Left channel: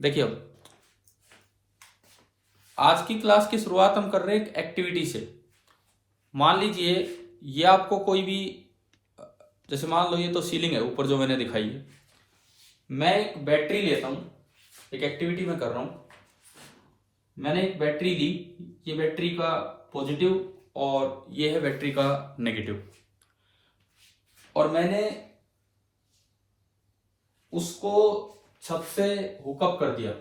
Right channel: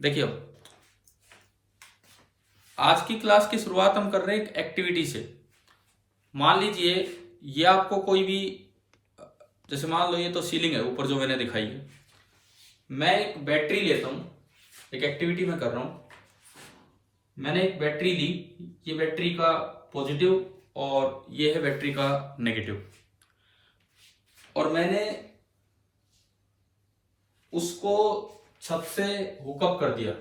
देखिए, अब आज की क्लास की शुरुआत हम कर रहे हैं एक एक्टिविटी से। मान लीजिए ये आपको कोई भी, जैसे मान लो ये तो सीलिंग है ऊपर जो मैंने दिखाई है। मैं एक बैटरी लेता हूं, एक एक्टिविटी में कर रहा हूं। मैंने एक बैटरी ली, ये बैटरी का पॉजिटिव और ये है बैटरी का नेगेटिव, और मैंने उसको छत से हुकअप कर दिया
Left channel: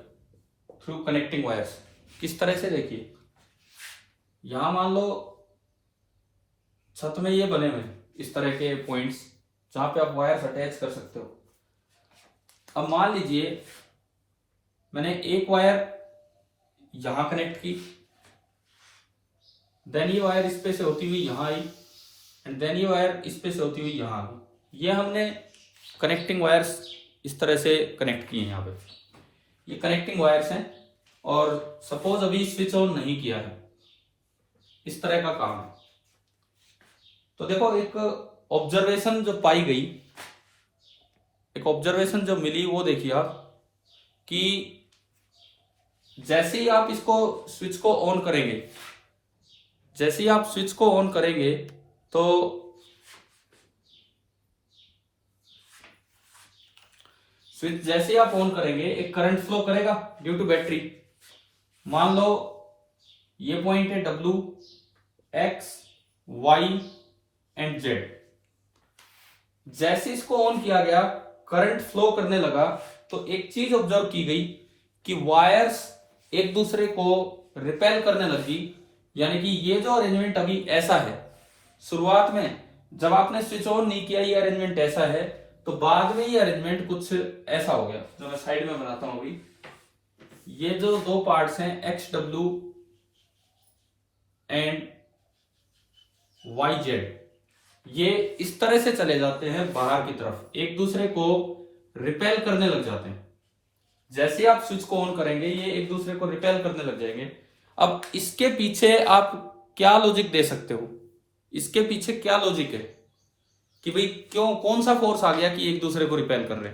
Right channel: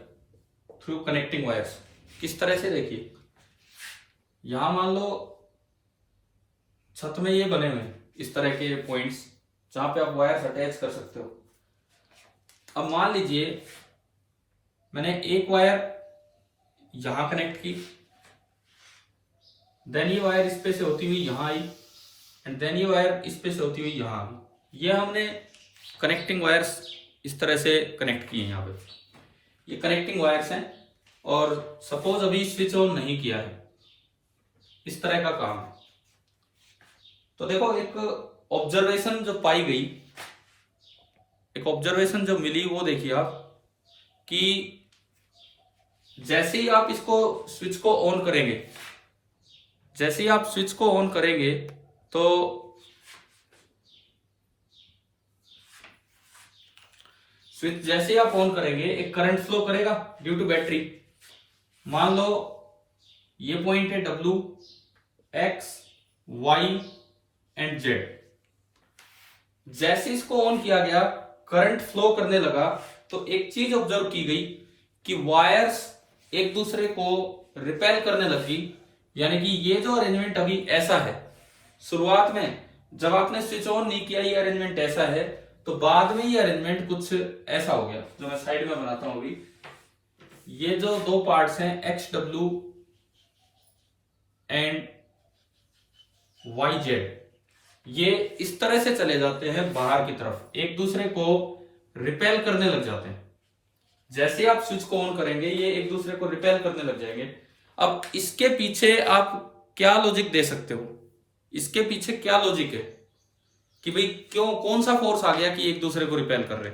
थ्रू कनेक्टिंग वायर्स। किस तरह से, देखिए यहां मान लो छत में ये बने हुए हैं इस तरह के पॉइंट्स जहां पे आप वायर्स अटैच कर सकते हो। अब मान लीजिए मैंने एक वायर यहां कनेक्ट की, देन ये वायर इस पे से होती हुई यहां आई, एंड देन ये वायर इस पे से होती हुई यहां आ गई। ये हमने कनेक्टिंग वायर्स इस तरह से कनेक्ट किए हैं। यहाँ पे ये कनेक्टिंग वायर्स हैं, और सपोज अभी स्विच ऑन नहीं किया है, इस तरह का काम है। तो देखो, एक ऑब्जर्वेशन जो पाई गई, एक ऑब्जर्वेशन जो मिली, वो देखिए आप कि जैसे ही आप इसको स्विच को ऑन करेंगे, जैसे ही आप स्विच को ऑन करेंगे तो स्विच जैसे ही आप ऑन करेंगे एक करंट फ्लो करेगा ड्यू टू बैटरी। मान लो ये पॉइंट है W, X, Y and Z। जैसे इसको ऑन किया गया, करंट फ्लो करने लगा, तो एक चीज ऑब्जर्व की गई कि वायर्स एक दूसरे को रिपेल करने लगी। यानी कि ये जो अरेंजमेंट अभी ऐसा है, शुरुआत में जब आपने स्विच ऑन नहीं किया ये अरेंजमेंट ऐसा है, तो बाद में ये अरेंजमेंट कुछ ऐसा हो गया जो मैं साइड में बनाता हूं अभी। ये जो दो पार्ट्स हैं XW एंड YZ, ये इस तरह से चले जाते हैं बाहर की तरफ, एक दूसरे को रिपेल करने लग जाते हैं। जैसे आप स्विच को ऑन करेंगे ये एक दूसरे को रिपेल करने लग जाएंगे। अब इसके पीछे आप क्या लॉजिक दे सकते हो, इसके पीछे क्या लॉजिक है कि भाई क्यों, कौन सा फोर्स आ गया कि एक दूसरे को रिपेल कर रहे?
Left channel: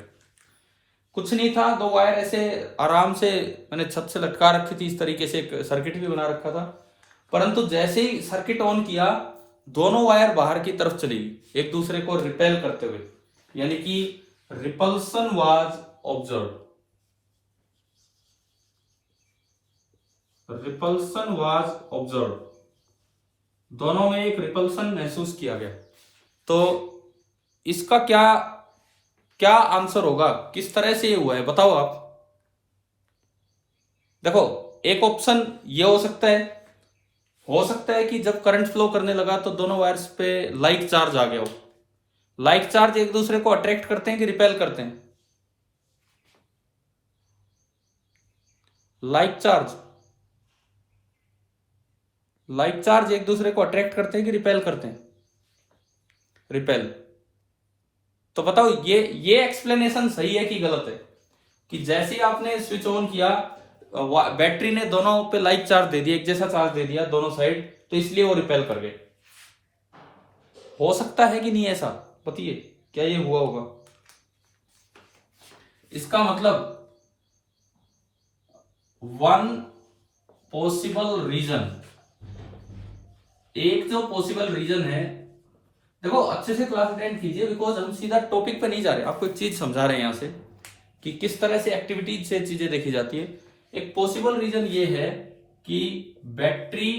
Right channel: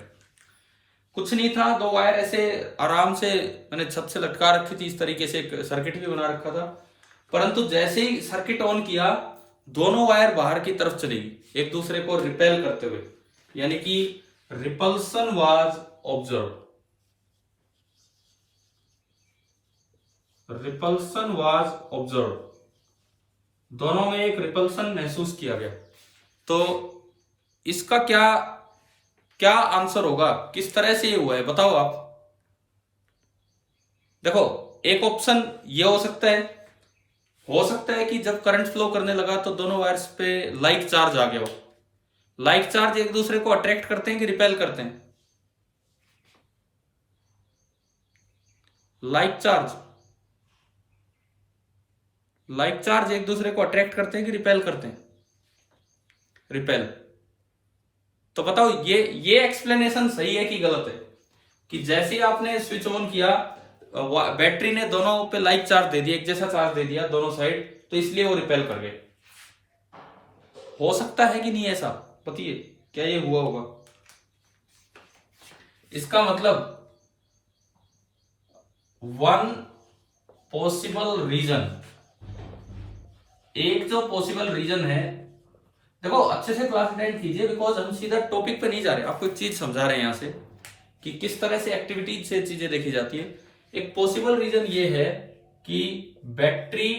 कुछ नहीं था, दो वायर ऐसे आराम से मैंने छत से लटका रखी थी, इस तरीके से एक सर्किट भी बना रखा था। परंतु जैसे ही सर्किट ऑन किया, दोनों वायर बाहर की तरफ चली गई एक दूसरे को रिपेल करते हुए, यानी कि repulsion was observe, repulsion was observe, दोनों में एक रिपल्सन महसूस किया गया। तो इसका क्या क्या आंसर होगा, किस तरह से ये हुआ है बताओ आप। देखो, एक ऑप्शन ये हो सकता है कि जब करंट फ्लो करने लगा तो दोनों वायर्स पे लाइक चार्ज आ गया हो। लाइक चार्ज एक दूसरे को अट्रैक्ट करते हैं कि रिपेल करते हैं? लाइक चार्ज, लाइक चार्ज एक दूसरे को अट्रैक्ट करते हैं कि रिपेल करते हैं? रिपेल। तो बताओ ये एक्सप्लेनेशन सही है कि गलत है, कि जैसे ही आपने स्विच ऑन किया बैटरी ने दोनों पे लाइक चार्ज दे दिया, एक जैसा चार्ज दे दिया दोनों साइड, तो इसलिए वो रिपेल कर गए? हो सकता है कि नहीं ऐसा? बताइए, क्या ये हुआ होगा? इसका मतलब वन पॉसिबल रीजन, एक जो पॉसिबल रीजन है, देखो अच्छे से क्लास अटेंड कीजिए, बिकॉज हम सीधा टॉपिक पे नहीं जा रहे, आपको एक चीज समझा रहे हैं यहां से कि किस तरह से एक्टिविटीज से चीजें देखी जाती है। एक पॉसिबल रीजन ये है कि battery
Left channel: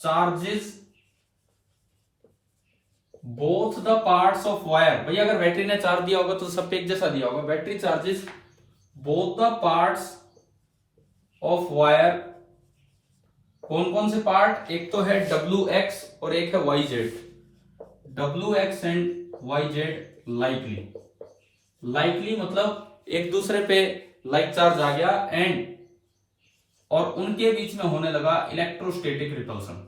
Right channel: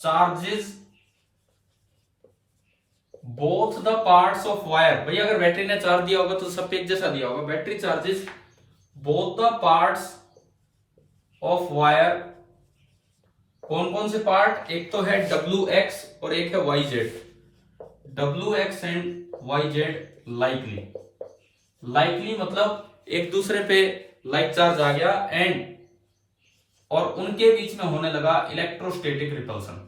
charges both the parts of wire. भाई अगर बैटरी ने चार्ज दिया होगा तो सब पे एक जैसा दिया होगा। Battery charges both the parts of wire. कौन कौन से पार्ट? एक तो है WX और एक है YZ। WX and YZ likely, likely मतलब एक दूसरे पे लाइक चार्ज आ गया, एंड और उनके बीच में होने लगा इलेक्ट्रोस्टैटिक रिपल्सन,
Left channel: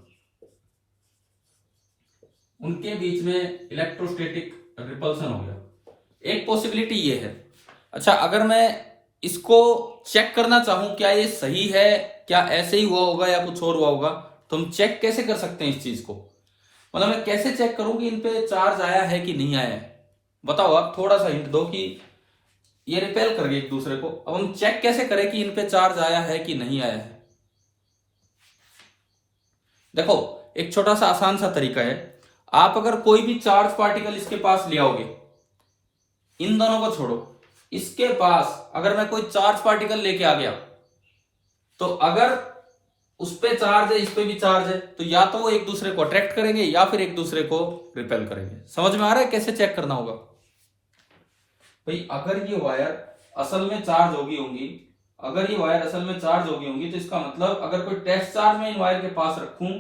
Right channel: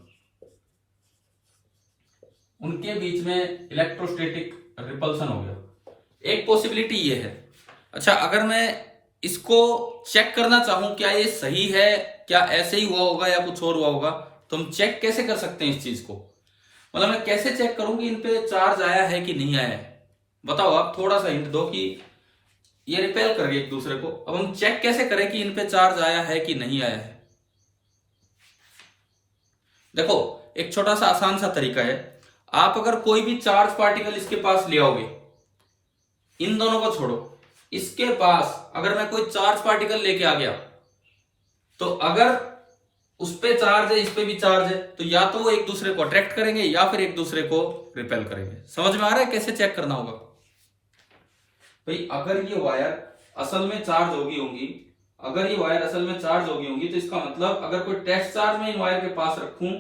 उनके बीच में इलेक्ट्रोस्टैटिक रिपल्सन हो गया। एक पॉसिबिलिटी ये है। अच्छा, अगर मैं इसको चेक करना चाहूं क्या ये सही है, क्या ऐसे ही हुआ होगा या कुछ और हुआ होगा, तो हम चेक कैसे कर सकते हैं इस चीज को? मतलब मैं कैसे चेक करूं कि इन पे चार्ज आया है कि नहीं आया है? बताओ आप, थोड़ा सा हिंट दो कि ये रिपेल कर गए एक दूसरे को। अब हम चेक कैसे करें कि इन पे चार्ज आया है कि नहीं आया है? देखो एक छोटा सा आसान सा तरीका है, आप अगर कोई भी चार्ज पार्टिकल इसके पास ले आओगे, इन दोनों को छोड़ो, इसके पास अगर मैं कोई चार्ज पार्टिकल लेके आ गया, तो अगर उस पे चार्ज है, इस पे भी चार्ज है, तो या तो वो एक दूसरे को अट्रैक्ट करेंगे या फिर एक दूसरे को रिपेल करेंगे। समझ में आ रहा है कैसे चेक करना होगा? भाई अगर ये वायर असल में चार्ज होगी होंगी, अगर ये वायर असल में चार्ज होगी होंगी, तो इसका मतलब अगर कोई टेस्ट चार्ज में इन वायर के पास रखूं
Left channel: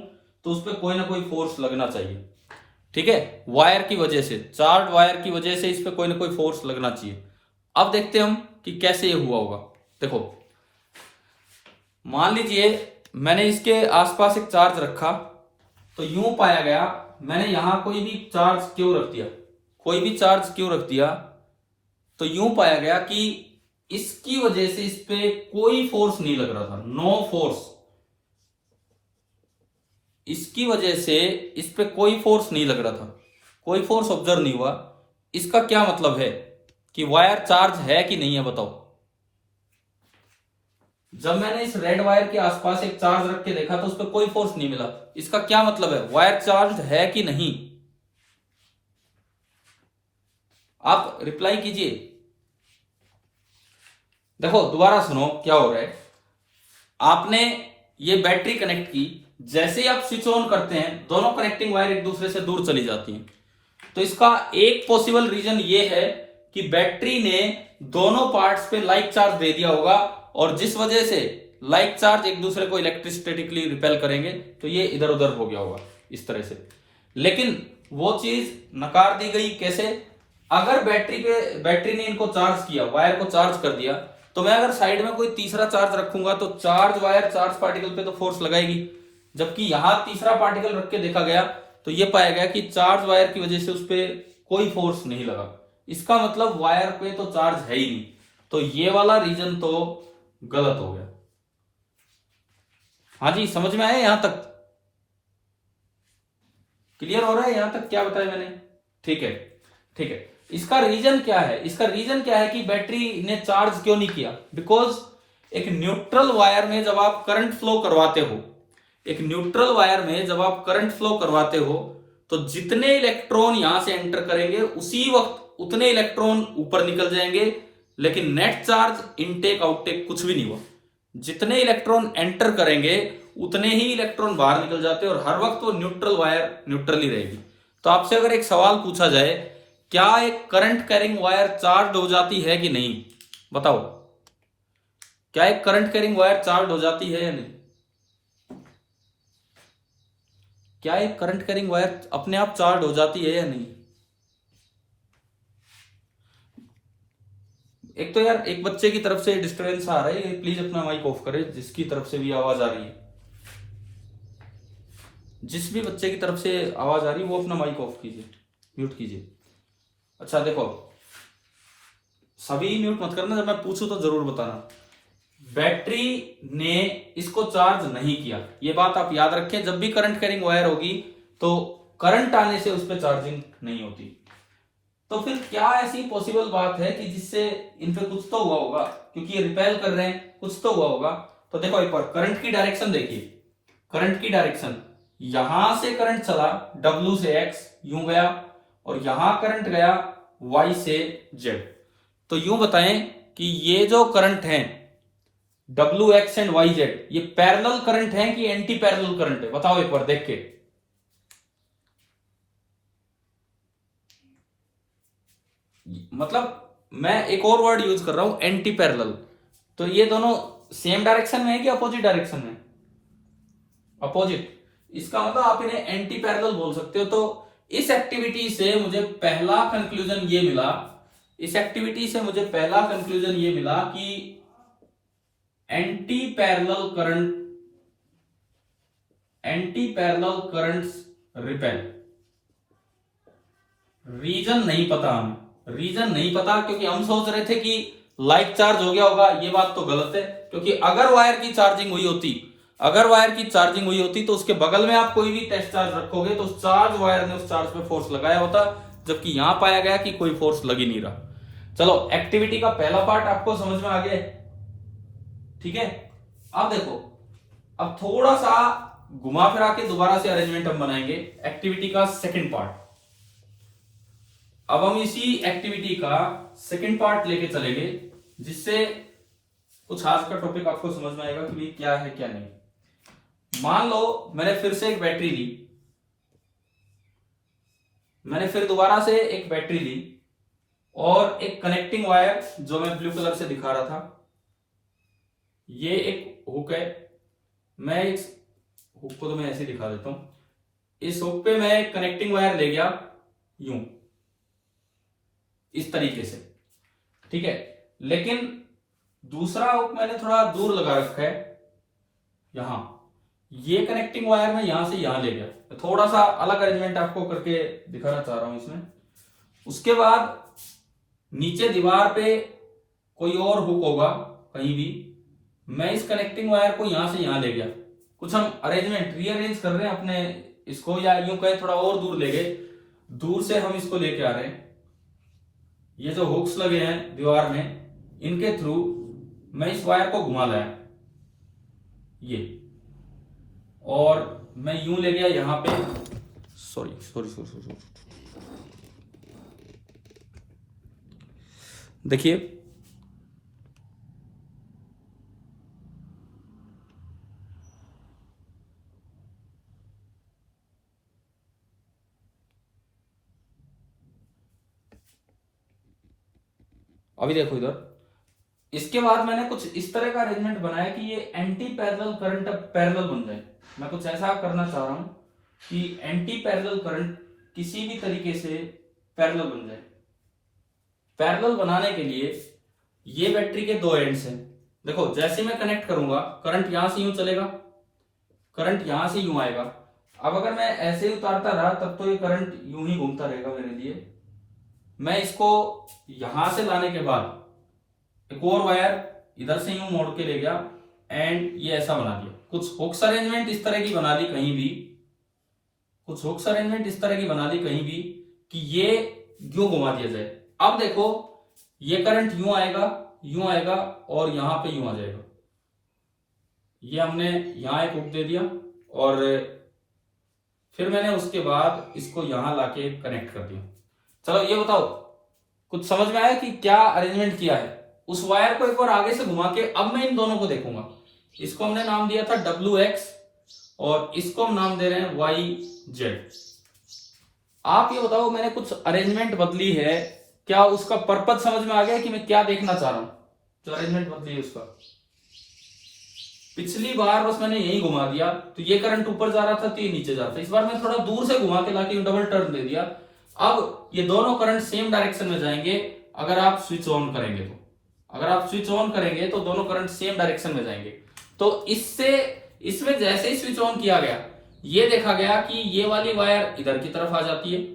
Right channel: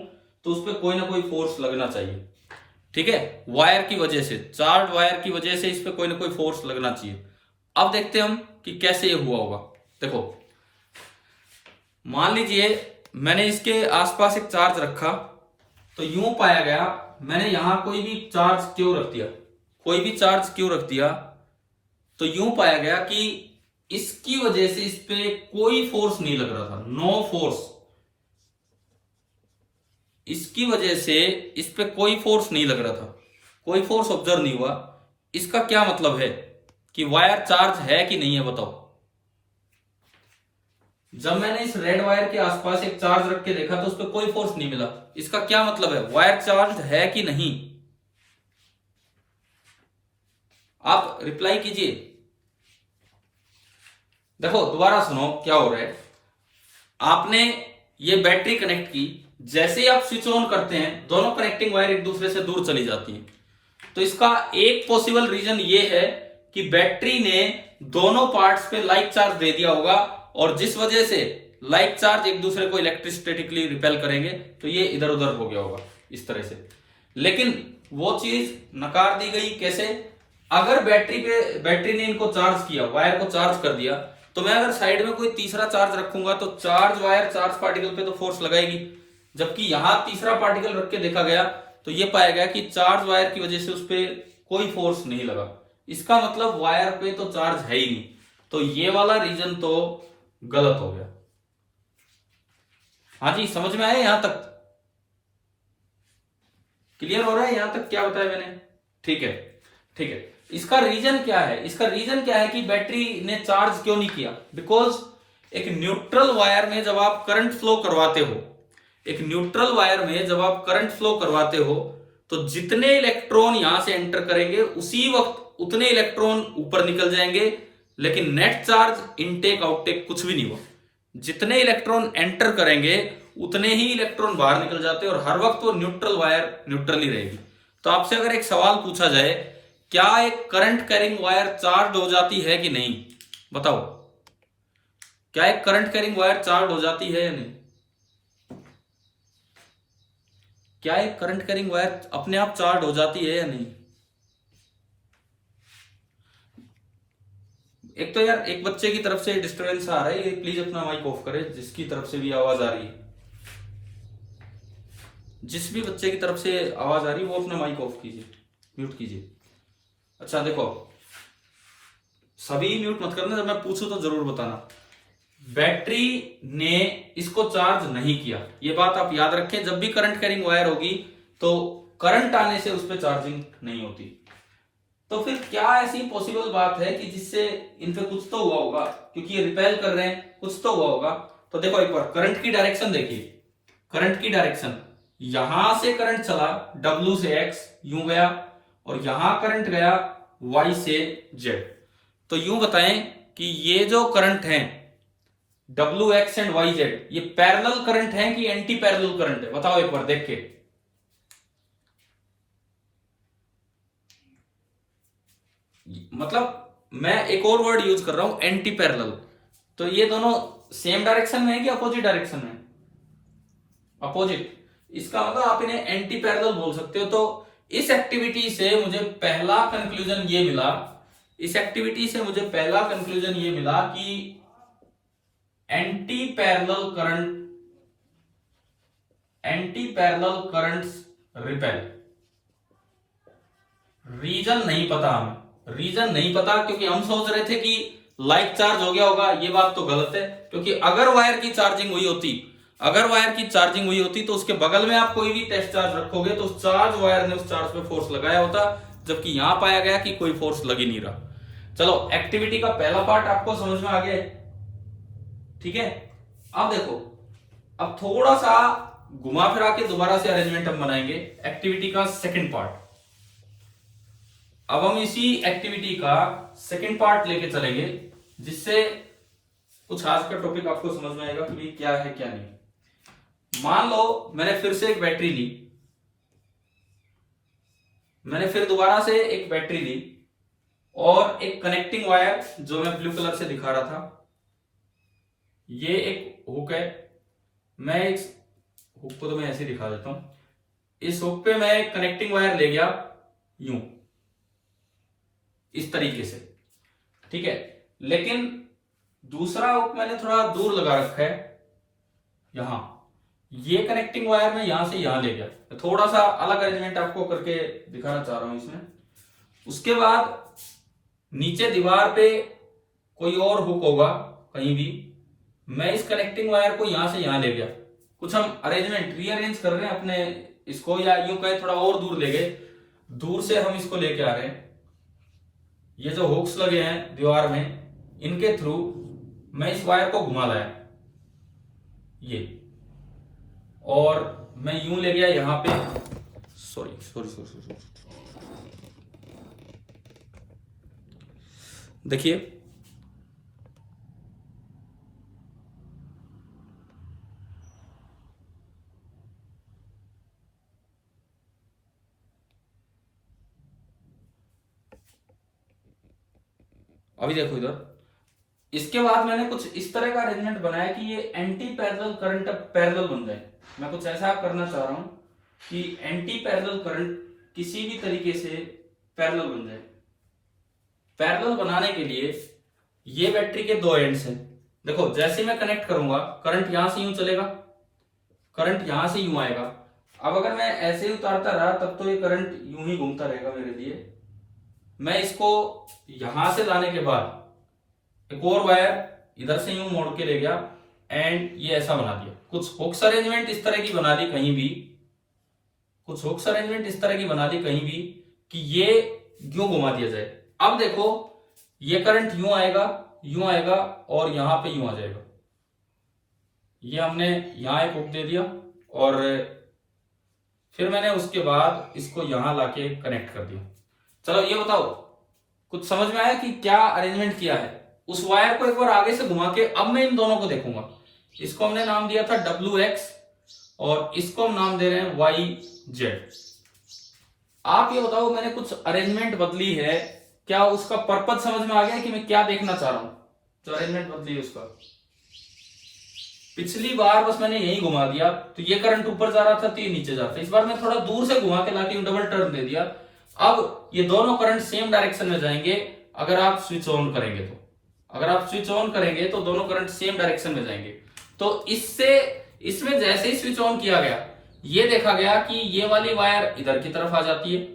तो उस पर कोई ना कोई फोर्स लगना चाहिए। ठीक है, वायर की वजह से, चार्ज वायर की वजह से इस पे कोई ना कोई फोर्स लगना चाहिए। अब देखते हैं हम कि कैसे ये हुआ होगा। देखो मान लीजिए मैंने इसके आसपास एक चार्ज रखा, तो यूं पाया गया, मैंने यहां कोई भी चार्ज क्यों रख दिया, कोई भी चार्ज क्यों रख दिया, तो यूं पाया गया कि इसकी वजह से इस पे कोई फोर्स नहीं लग रहा था, नो फोर्स। इसकी वजह से इस पे कोई फोर्स नहीं लग रहा था, कोई फोर्स ऑब्जर्व नहीं हुआ। इसका क्या मतलब है कि वायर चार्ज है कि नहीं है? बताओ। जब मैंने इस रेड वायर के आसपास एक चार्ज रख के देखा तो उस पर कोई फोर्स नहीं मिला, इसका क्या मतलब है? वायर चार्ज है कि नहीं? आप रिप्लाई कीजिए। देखो दोबारा सुनो क्या हो रहा है। आपने ये बैटरी कनेक्ट की, जैसे ही आप स्विच ऑन करते हैं दोनों कनेक्टिंग वायर एक दूसरे से दूर चली जाती हैं। तो इसका एक पॉसिबल रीजन ये है कि बैटरी ने दोनों पार्ट्स पे लाइक चार्ज दे दिया होगा, और जिस वजह से लाइक चार्ज एक दूसरे को इलेक्ट्रोस्टैटिकली रिपेल करेंगे तो ये इधर उधर हो गया होगा इस तरह से। लेकिन वो चीज नकार दी गई कैसे? अगर बैटरी ने इनको चार्ज किया, वायर को चार्ज कर दिया, तो मैं अगर साइड में कोई तीसरा चार्ज रखूंगा तो चार्ज वायर चार्ज पार्टिकल पे तो फोर्स लगाएगी। जबकि यहां तीसरा पार्टिकल रख के देखा गया तो ये पाया गया कि चार्ज वायर की वजह से उस पर कोई फोर्स नहीं लगा। इसका मतलब वायर पे तो चार्ज है ही नहीं। तो ये वाला रीजन तो गलत हो गया। हाँ जी, समझ में आया? यहां तक क्लियर हो रहा है? यहां तक क्या बताया मैंने? ठीक है, ठीक है। इसका रीजन क्या है? इसका रीजन क्या है कि बैटरी ने चार्ज क्यों नहीं किया? बिकॉज एक न्यूट्रल वायर में जब आप करंट फ्लो करवाते हो, एक न्यूट्रल वायर में जब आप करंट फ्लो करवाते हो, तो जितने इलेक्ट्रॉन यहां से एंटर करेंगे उसी वक्त उतने इलेक्ट्रॉन ऊपर निकल जाएंगे, लेकिन नेट चार्ज इनटेक आउटटेक कुछ भी नहीं हुआ। जितने इलेक्ट्रॉन एंटर करेंगे उतने ही इलेक्ट्रॉन बाहर निकल जाते हैं, और हर वक्त वो न्यूट्रल वायर न्यूट्रल ही रहेगी। तो आपसे अगर एक सवाल पूछा जाए, क्या एक करंट कैरिंग वायर चार्ज हो जाती है कि नहीं? बताओ, क्या एक करंट कैरिंग वायर चार्ज हो जाती है या नहीं? क्या एक करंट कैरिंग वायर अपने आप चार्ज हो जाती है या नहीं? एक तो यार एक बच्चे की तरफ से डिस्टर्बेंस आ रहा है, प्लीज अपना माइक ऑफ करे, जिसकी तरफ से भी आवाज आ रही है, जिस भी बच्चे की तरफ से आवाज आ रही है वो अपना माइक ऑफ कीजिए, म्यूट कीजिए। अच्छा देखो, सभी म्यूट मत करना, जब मैं पूछूं तो जरूर बताना। बैटरी ने इसको चार्ज नहीं किया, ये बात आप याद रखें। जब भी करंट कैरिंग वायर होगी तो करंट आने से उस पर चार्जिंग नहीं होती। तो फिर क्या ऐसी पॉसिबल बात है कि जिससे इन पे कुछ तो हुआ होगा, क्योंकि ये रिपेल कर रहे हैं, कुछ तो हुआ होगा। तो देखो एक बार करंट की डायरेक्शन देखिए, करंट की डायरेक्शन, यहां से करंट चला W से X यूं गया, और यहां करंट गया Y से Z। तो यूं बताएं कि ये जो करंट है WX एंड YZ, ये पैरेलल करंट है कि एंटी पैरेलल करंट है? बताओ एक बार देख के। मतलब मैं एक और वर्ड यूज कर रहा हूं, एंटी पैरेलल। तो ये दोनों सेम डायरेक्शन में है कि अपोजिट डायरेक्शन में? अपोजिट। इसका मतलब आप इन्हें एंटी पैरेलल बोल सकते हो। तो इस एक्टिविटी से मुझे पहला कंक्लूजन ये मिला, इस एक्टिविटी से मुझे पहला कंक्लूजन ये मिला कि anti parallel currents repel. Reason नहीं पता हमें, रीजन नहीं पता, क्योंकि हम सोच रहे थे कि लाइक चार्ज हो गया होगा। ये बात तो गलत है, क्योंकि अगर वायर की चार्जिंग हुई होती, अगर वायर की चार्जिंग हुई होती तो उसके बगल में आप कोई भी टेस्ट चार्ज रखोगे तो उस चार्ज वायर ने उस चार्ज पे फोर्स लगाया होता, जबकि यहां पाया गया कि कोई फोर्स लग ही नहीं रहा। चलो एक्टिविटी का पहला पार्ट आपको समझ में आ गया है, ठीक है। अब देखो, अब थोड़ा सा घुमा फिरा के दोबारा से अरेंजमेंट हम बनाएंगे एक्टिविटी का सेकंड पार्ट। अब हम इसी एक्टिविटी का सेकंड पार्ट लेके चलेंगे, जिससे कुछ आज का टॉपिक आपको समझ में आएगा कि ये क्या है क्या नहीं। मान लो मैंने फिर से एक बैटरी ली, मैंने फिर दोबारा से एक बैटरी ली और एक कनेक्टिंग वायर जो मैं ब्लू कलर से दिखा रहा था, ये एक हुक है। मैं इस हुक को तो मैं ऐसे दिखा देता हूं। इस हुक पे मैं एक कनेक्टिंग वायर ले गया यूं, इस तरीके से, ठीक है। लेकिन दूसरा हुक मैंने थोड़ा दूर लगा रखा है यहां। ये कनेक्टिंग वायर मैं यहां से यहां ले गया, थोड़ा सा अलग अरेंजमेंट आपको करके दिखाना चाह रहा हूं इसमें। उसके बाद नीचे दीवार पे कोई और हुक होगा कहीं भी, मैं इस कनेक्टिंग वायर को यहां से यहां ले गया। कुछ हम अरेंजमेंट रीअरेंज कर रहे हैं अपने इसको, या यूं कहे थोड़ा और दूर ले गए, दूर से हम इसको लेके आ रहे हैं। ये जो हुक्स लगे हैं दीवार में, इनके थ्रू मैं इस वायर को घुमा लाया ये, और मैं यूं ले गया यहां पे। सॉरी सॉरी सॉरी सॉरी, देखिए अभी देखो इधर। इसके बाद मैंने कुछ इस तरह का अरेंजमेंट बनाया कि ये एंटी पैरेलल करंट अब पैरेलल बन जाए। मैं कुछ ऐसा करना चाह रहा हूं कि एंटी पैरेलल करंट किसी भी तरीके से पैरेलल बन जाए। पैरेलल बनाने के लिए ये बैटरी के दो एंड्स हैं। देखो जैसे मैं कनेक्ट करूंगा, करंट यहां से यूं चलेगा, करंट यहां से यूं आएगा। अब अगर मैं ऐसे उतारता रहा तब तो ये करंट यूं ही घूमता रहेगा मेरे लिए। मैं इसको यहां से लाने के बाद एक और वायर इधर से यूं मोड़ के ले गया एंड ये ऐसा बना दिया। कुछ हुक्स अरेंजमेंट इस तरह की बना दी कहीं भी, कुछ हुक्स अरेंजमेंट इस तरह की बना दी कहीं भी कि ये यूं घुमा दिया जाए। अब देखो ये करंट यूं आएगा और यहां पे यूं आ जाएगा। ये हमने यहां एक हुक दे दिया और फिर मैंने उसके बाद इसको यहां लाके कनेक्ट कर दिया। चलो ये बताओ कुछ समझ में आया कि क्या अरेंजमेंट किया है। उस वायर को एक बार आगे से घुमा के अब मैं इन दोनों को देखूंगा। इसको हमने नाम दिया था WX और इसको हम नाम दे रहे हैं YZ। आप ये बताओ मैंने कुछ अरेंजमेंट बदली है, क्या उसका पर्पज समझ में आ गया कि मैं क्या देखना चाह रहा हूं। जो अरेंजमेंट बदली है उसका, पिछली बार बस मैंने यही घुमा दिया तो ये करंट ऊपर जा रहा था तो ये नीचे जाता। इस बार मैं थोड़ा दूर से घुमा के लाके डबल टर्न दे दिया। अब ये दोनों करंट सेम डायरेक्शन में जाएंगे अगर आप स्विच ऑन करेंगे तो। अगर आप स्विच ऑन करेंगे तो दोनों करंट सेम डायरेक्शन में जाएंगे। तो इससे इसमें जैसे ही स्विच ऑन किया गया ये देखा गया कि ये वाली वायर इधर की तरफ आ जाती है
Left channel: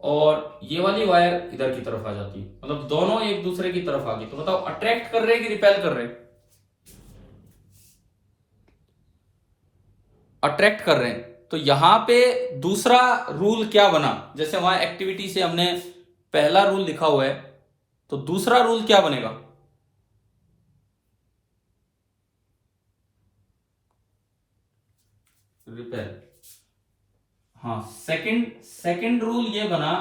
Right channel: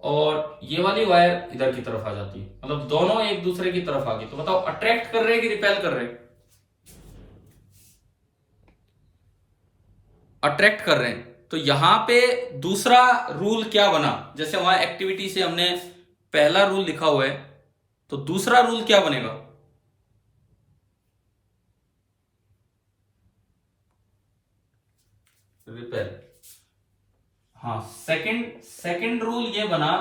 और ये वाली वायर इधर की तरफ आ जाती है, मतलब दोनों एक दूसरे की तरफ आ गई। तो बताओ अट्रैक्ट कर रहे हैं कि रिपेल कर रहे हैं। अट्रैक्ट कर रहे हैं। तो यहां पे दूसरा रूल क्या बना, जैसे वहां एक्टिविटी से हमने पहला रूल लिखा हुआ है तो दूसरा रूल क्या बनेगा। रिपेल। हाँ, सेकंड रूल ये बना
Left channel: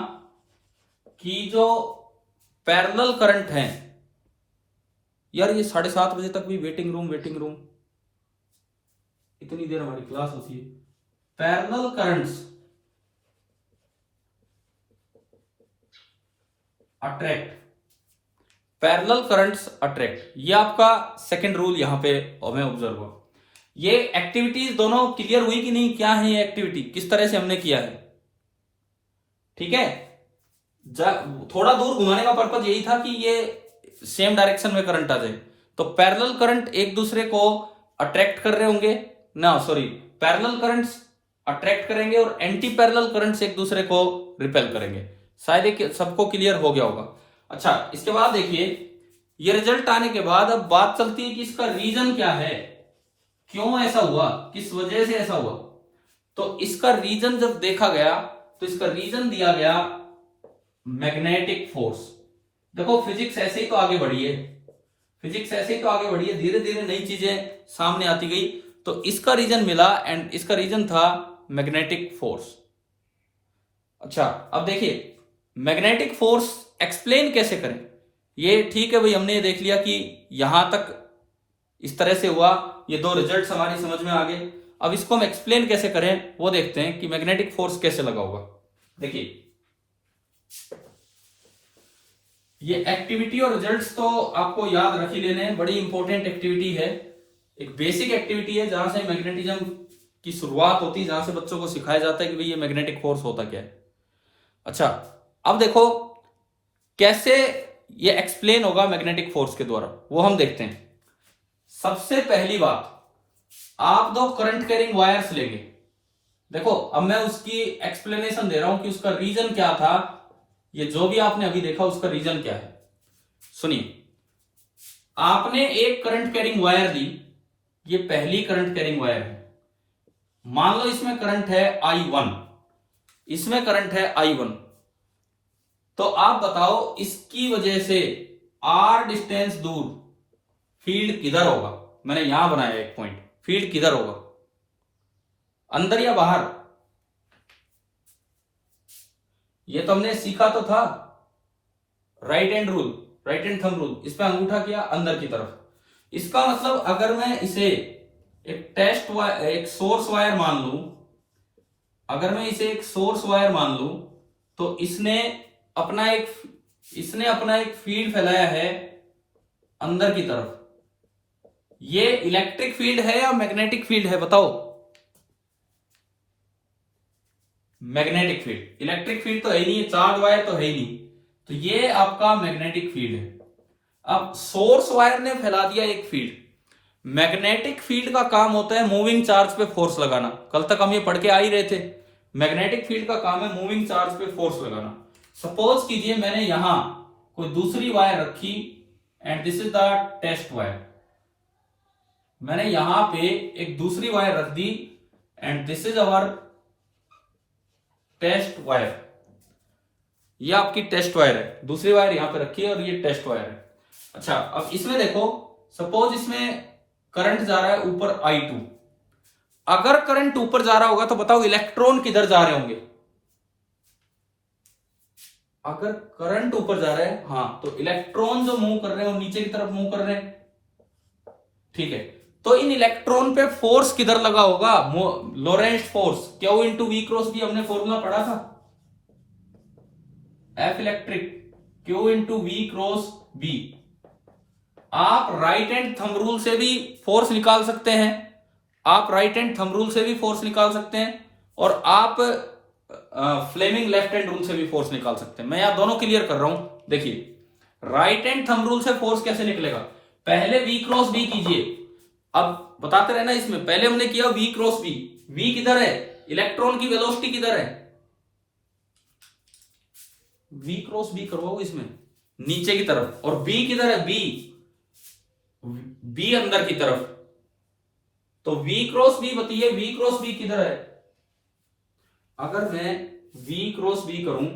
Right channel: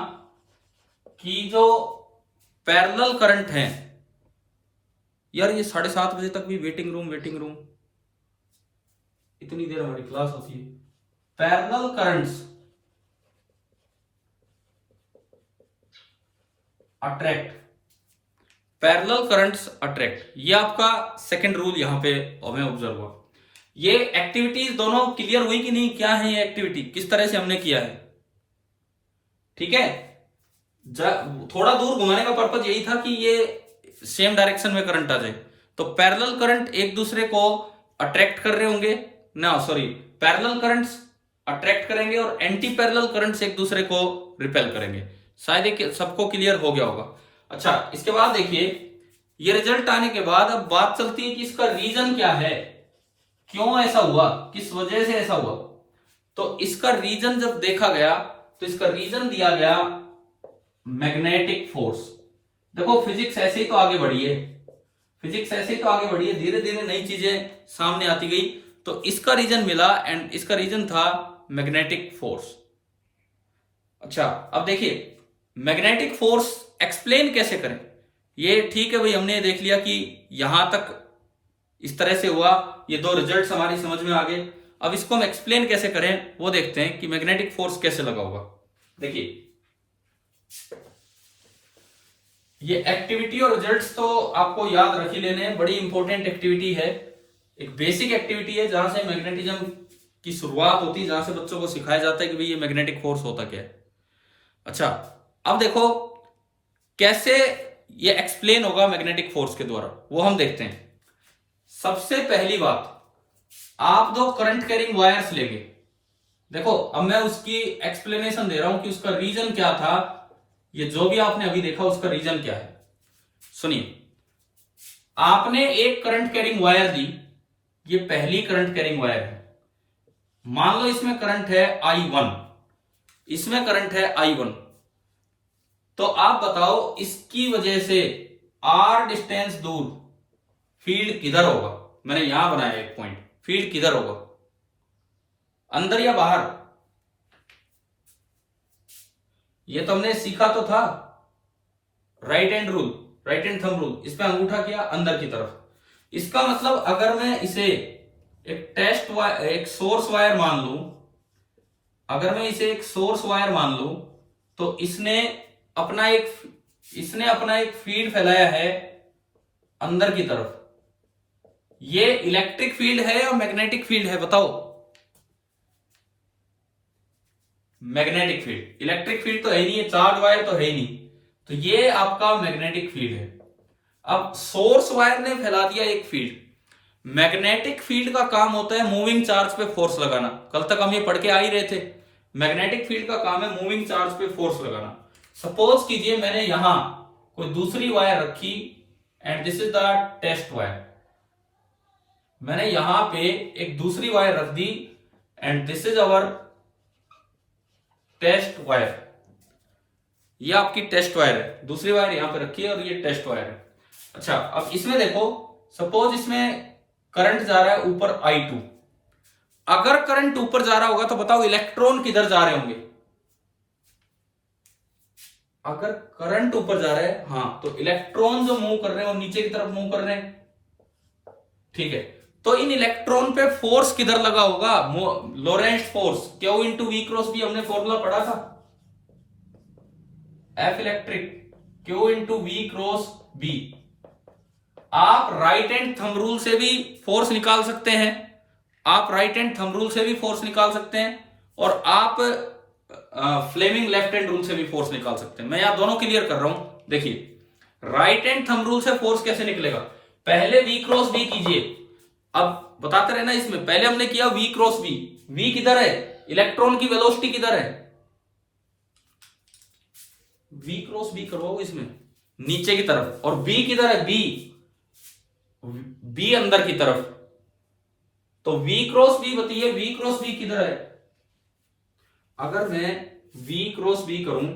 कि जो पैरेलल करंट है, यार ये 7:30 बजे तक भी वेटिंग रूम इतनी देर हमारी क्लास होती है। Parallel currents attract, parallel currents attract, ये आपका सेकंड रूल यहां पे हमें ऑब्जर्व हुआ। ये एक्टिविटीज दोनों क्लियर हुई कि नहीं, क्या है ये एक्टिविटी, किस तरह से हमने किया है, ठीक है। थोड़ा दूर घुमाने का पर्पज यही था कि ये सेम डायरेक्शन में करंट आ जाए। तो पैरेलल करंट एक दूसरे को अट्रैक्ट कर रहे होंगे ना, सॉरी, पैरेलल करंट्स अट्रैक्ट करेंगे और एंटी पैरेलल करंट्स एक दूसरे को रिपेल करेंगे। शायद एक सबको क्लियर हो गया होगा। अच्छा, इसके बाद देखिए ये रिजल्ट आने के बाद अब बात चलती है कि इसका रीजन क्या है, क्यों ऐसा हुआ, किस वजह से ऐसा हुआ। तो इसका रीजन जब देखा गया तो इसका रीजन दिया गया मैग्नेटिक फोर्स। देखो फिजिक्स ऐसे ही तो आगे बढ़ी है, फिजिक्स ऐसे ही तो आगे बढ़ी है, धीरे धीरे नई चीजें सामने आती गई। तो इसका रीजन मिला एंड इसका रीजन था मैग्नेटिक फोर्स। अच्छा अब देखिए मैग्नेटिक फोर्स एक्सप्लेन कैसे करें। ये ठीक है भाई, हमने ये देख लिया कि यहां तक इस तरह से हुआ, ये दो रिजल्ट्स हमारी समझ में आ गए। अब इसको हम एक्सप्लेन कैसे करें वो देखते हैं कि मैग्नेटिक फोर्स कैसे लगा होगा। देखिए ये एक्टिविटी और रिजल्ट्स तो आपको याद रख ही लेने हैं, बड़ी इंपॉर्टेंट एक्टिविटी है, एक बेसिक एक्टिविटी है जहां से मैग्नेटिज्म की शुरुआत होती है, जहां से बच्चों को सिखाया जाता है कि भाई ये मैग्नेटिक फोर्स होता क्या है। अच्छा अब देखो कैसे ये एक्सप्लेन होगा मैग्नेटिक फोर्स के द्वारा, वो हम देखते हैं। सबसे पहली बात, आप दो करंट कैरिंग वायर्स लेंगे। देखो अब मैं उसकी एक्सप्लेनेशन दे रहा हूं कि उसका रीजन क्या था, ये जो भी आपने अभी देखा उसका रीजन क्या है। सुनिए, आपने एक करंट कैरिंग वायर दी, ये पहली करंट कैरिंग वायर है, मान लो इसमें करंट है I1, इसमें करंट है I1, तो आप बताओ इसकी वजह से R डिस्टेंस दूर फील्ड किधर होगा। मैंने यहां बनाया एक पॉइंट, फील्ड किधर होगा, अंदर या बाहर। ये तो हमने सीखा तो था, right hand rule, right hand thumb rule, इस पे अंगूठा किया अंदर की तरफ। इसका मतलब अगर मैं इसे एक टेस्ट वायर, एक सोर्स वायर मान लूं, अगर मैं इसे एक सोर्स वायर मान लूं, तो इसने अपना एक फील्ड फैलाया है अंदर की तरफ। ये इलेक्ट्रिक फील्ड है या मैग्नेटिक फील्ड है बताओ। मैग्नेटिक फील्ड, इलेक्ट्रिक फील्ड तो है ही नहीं, चार्ज वायर तो है ही नहीं, तो ये आपका मैग्नेटिक फील्ड है। अब सोर्स वायर ने फैला दिया एक फील्ड। मैग्नेटिक फील्ड का काम होता है मूविंग चार्ज पे फोर्स लगाना, कल तक हम ये पढ़ के आ ही रहे थे। मैग्नेटिक फील्ड का काम है मूविंग चार्ज पे फोर्स लगाना। सपोज कीजिए मैंने यहां कोई दूसरी वायर रखी and this is the test wire, मैंने यहां पे एक दूसरी वायर रख दी and this is our test wire, ये आपकी टेस्ट वायर है, दूसरी वायर यहां पे रखी है और ये टेस्ट वायर है। अच्छा अब इसमें देखो, सपोज इसमें करंट जा रहा है ऊपर I2, अगर करंट ऊपर जा रहा होगा तो बताओ इलेक्ट्रॉन किधर जा रहे होंगे। अगर करंट ऊपर जा रहा है, हाँ, तो इलेक्ट्रॉन जो मूव कर रहे हैं वो नीचे की तरफ मूव कर रहे हैं, ठीक है। तो इन इलेक्ट्रॉन पे फोर्स किधर लगा होगा, Lorentz force, Q into V cross B, हमने फॉर्मूला पढ़ा था, F electric Q into V cross B। आप राइट हैंड थंब रूल से भी फोर्स निकाल सकते हैं, आप राइट हैंड थंब रूल से भी फोर्स निकाल सकते हैं, और आप फ्लेमिंग लेफ्ट हैंड रूल से भी फोर्स निकाल सकते हैं। मैं यहां दोनों क्लियर कर रहा हूं। देखिए राइट हैंड थंब रूल से फोर्स कैसे निकलेगा, पहले V क्रॉस B कीजिए, अब बताते रहना इसमें, पहले हमने किया V क्रॉस B, V किधर है, इलेक्ट्रॉन की वेलोसिटी किधर है, V क्रॉस B करो इसमें नीचे की तरफ, और B किधर है, B अंदर की तरफ, तो V क्रॉस B बताइए, V क्रॉस B किधर है। अगर मैं V क्रॉस B करूं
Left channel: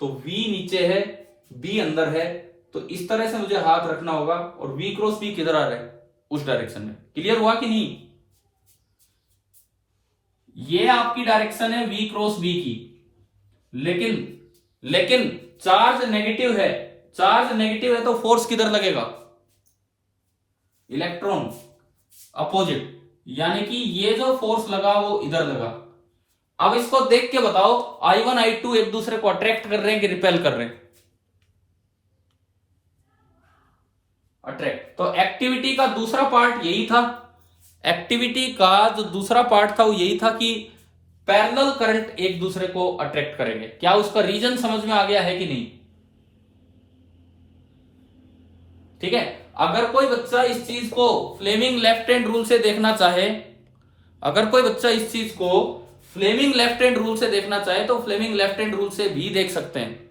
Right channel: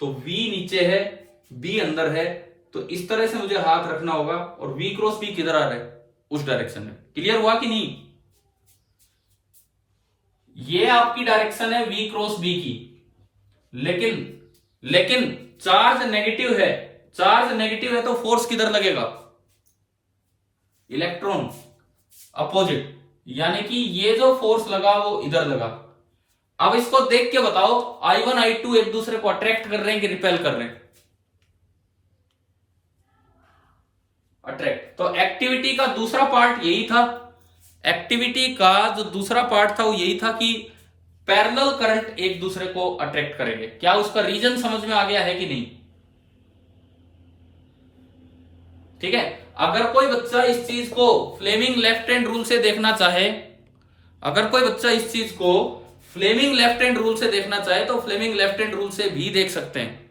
तो V नीचे है, B अंदर है, तो इस तरह से मुझे हाथ रखना होगा, और V क्रॉस B किधर आ रहा है, उस डायरेक्शन में। क्लियर हुआ कि नहीं, ये आपकी डायरेक्शन है V क्रॉस B की, लेकिन चार्ज नेगेटिव है, चार्ज नेगेटिव है तो फोर्स किधर लगेगा, इलेक्ट्रॉन अपोजिट, यानी कि ये जो फोर्स लगा वो इधर लगा। अब इसको देख के बताओ I1 I2 एक दूसरे को अट्रैक्ट कर रहे हैं कि रिपेल कर रहे हैं, अट्रैक्ट। तो एक्टिविटी का दूसरा पार्ट यही था, एक्टिविटी का जो दूसरा पार्ट था वो यही था कि पैरेलल करंट एक दूसरे को अट्रैक्ट करेंगे। क्या उसका रीजन समझ में आ गया है कि नहीं, ठीक है। अगर कोई बच्चा इस चीज को फ्लेमिंग लेफ्ट हैंड रूल से देखना चाहे, अगर कोई बच्चा इस चीज को फ्लेमिंग लेफ्ट हैंड रूल से देखना चाहे तो फ्लेमिंग लेफ्ट हैंड रूल से भी देख सकते हैं,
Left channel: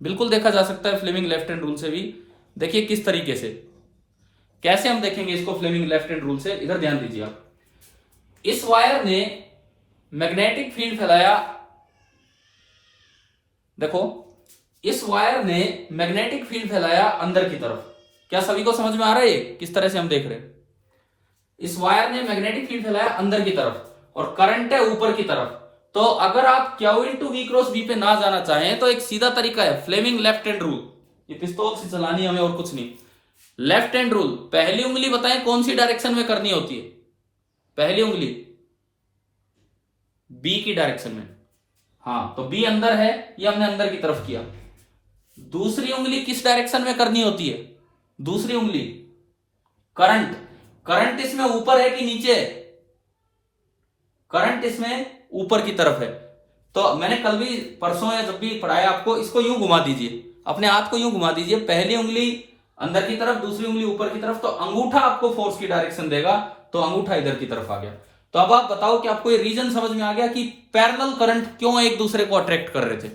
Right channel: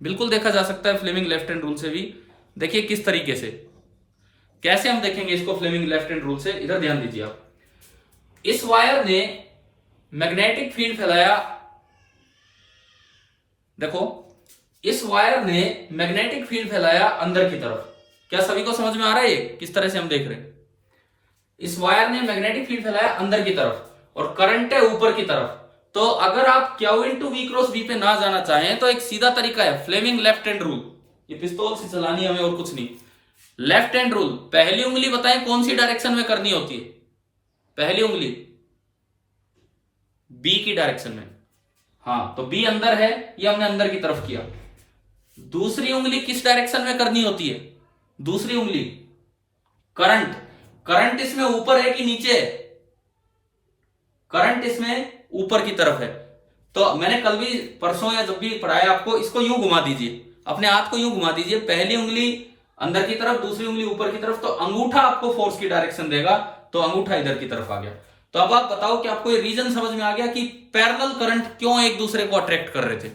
बिल्कुल देखा जा सकता है फ्लेमिंग लेफ्ट हैंड रूल से भी। देखिए किस तरीके से, कैसे हम देखेंगे इसको फ्लेमिंग लेफ्ट हैंड रूल से, इधर ध्यान दीजिए आप। इस वायर ने मैग्नेटिक फील्ड फैलाया, देखो इस वायर ने मैग्नेटिक फील्ड फैलाया अंदर की तरफ। क्या सभी को समझ में आ रहा है किस तरह से हम देख रहे हैं? इस वायर ने मैग्नेटिक फील्ड फैलाया अंदर की तरफ और करंट है ऊपर की तरफ। तो अगर आप Q into V cross B पे ना जाना चाहें तो एक सीधा तरीका है, फ्लेमिंग लेफ्ट हैंड रूल। ये पिस्तौल से चलानी है हमें और कुछ नहीं। लेफ्ट हैंड रूल, पहली उंगली बताएं कौन सी डायरेक्शन में करनी होती है? पहली उंगली बी की डायरेक्शन में। हाँ, तो बी अंदर है, ये हमने अंदर की तरफ किया। दूसरी उंगली किस डायरेक्शन में करनी होती है? दूसरी उंगली करंट, करंट इसमें ऊपर है कि नीचे है? करंट इसमें ऊपर की तरफ है। तो मैंने कल भी परसों या जब भी पढ़ाया आपको, इसको यूं घुमा दीजिए, अपने हाथ को यूं घुमा दीजिए, पहली उंगली अंदर की तरफ, दूसरी उंगली ऊपर की तरफ, तो अंगूठा आपको फोर्स की डायरेक्शन देगा, तो अंगूठा इधर की तरफ आ गया। तो अब आप बताओ कि आपको ये रीजन समझ में आ गया कि पैरेलल करंट क्यों एक दूसरे को अट्रैक्ट कर रहे थे?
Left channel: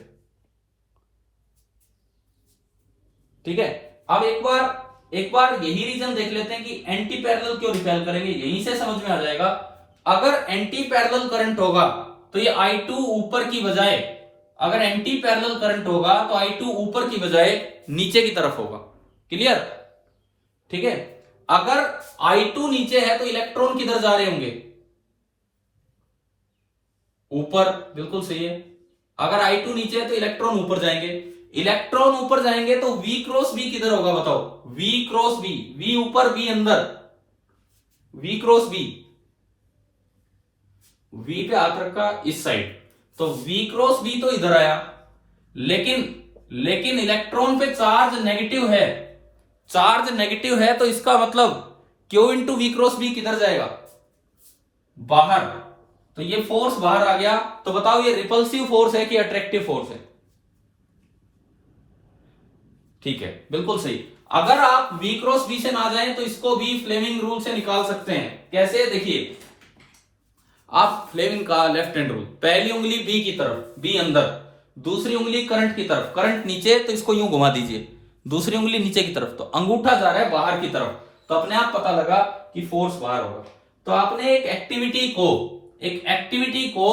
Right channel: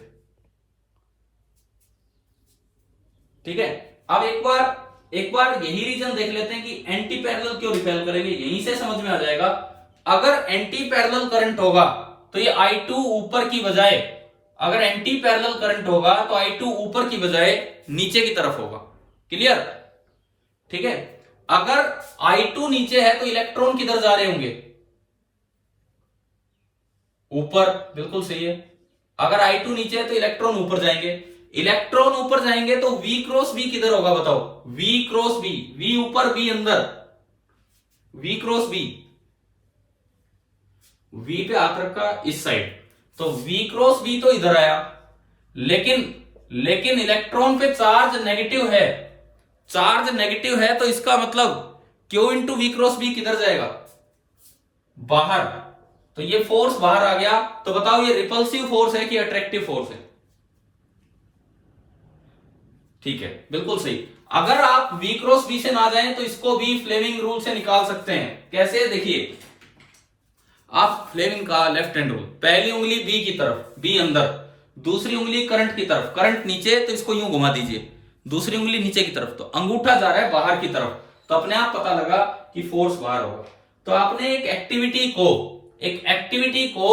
ठीक है, अब एक बार यही रीजन देख लेते हैं कि एंटी पैरेलल क्यों रिपेल करेंगे, यहीं से समझ में आ जाएगा। अगर एंटी पैरेलल करंट होगा तो ये I2 ऊपर की बजाय, अगर एंटी पैरेलल करंट होगा तो I2 ऊपर की बजाय नीचे की तरफ होगा। क्लियर? ठीक है, अगर I2 नीचे है तो इलेक्ट्रॉन किधर जा रहे होंगे? ऊपर, बिल्कुल सही है। अगर I2 नीचे है तो इलेक्ट्रॉन ऊपर जाएंगे, इलेक्ट्रॉन ऊपर जाएंगे तो V क्रॉस B किधर होगा बताओ? V क्रॉस B, V ऊपर B अंदर, V क्रॉस B, V पे हाथ रखा इस साइड, तो V क्रॉस B तो इधर आया, लेकिन इलेक्ट्रॉन पे चार्ज नेगेटिव है, चार्ज नेगेटिव है, तो इसका मतलब Q into V cross B किधर जाएगा? बाहर। तो ये फोर्स बाहर आ गया, तो बताओ ये रिपल्सिव फोर्स है कि अट्रैक्टिव फोर्स है? ठीक है, बिल्कुल सही। अगर आप V क्रॉस B से ना जाएं तो इसको भी फ्लेमिंग रूल से निकाल सकते हैं। कैसे? देखिए, आप फ्लेमिंग का लेफ्ट हैंड रूल, पहली उंगली B की तरफ, B अंदर, दूसरी उंगली करंट की तरफ, करंट नीचे, तो इसको यूं घुमा दीजिए, दूसरी उंगली नीचे की तरफ, तो अंगूठा जा रहा है बाहर की तरफ, तो अपने आप पता लगा कि फोर्स बाहर होगा। तो आपने एक एक्टिविटी को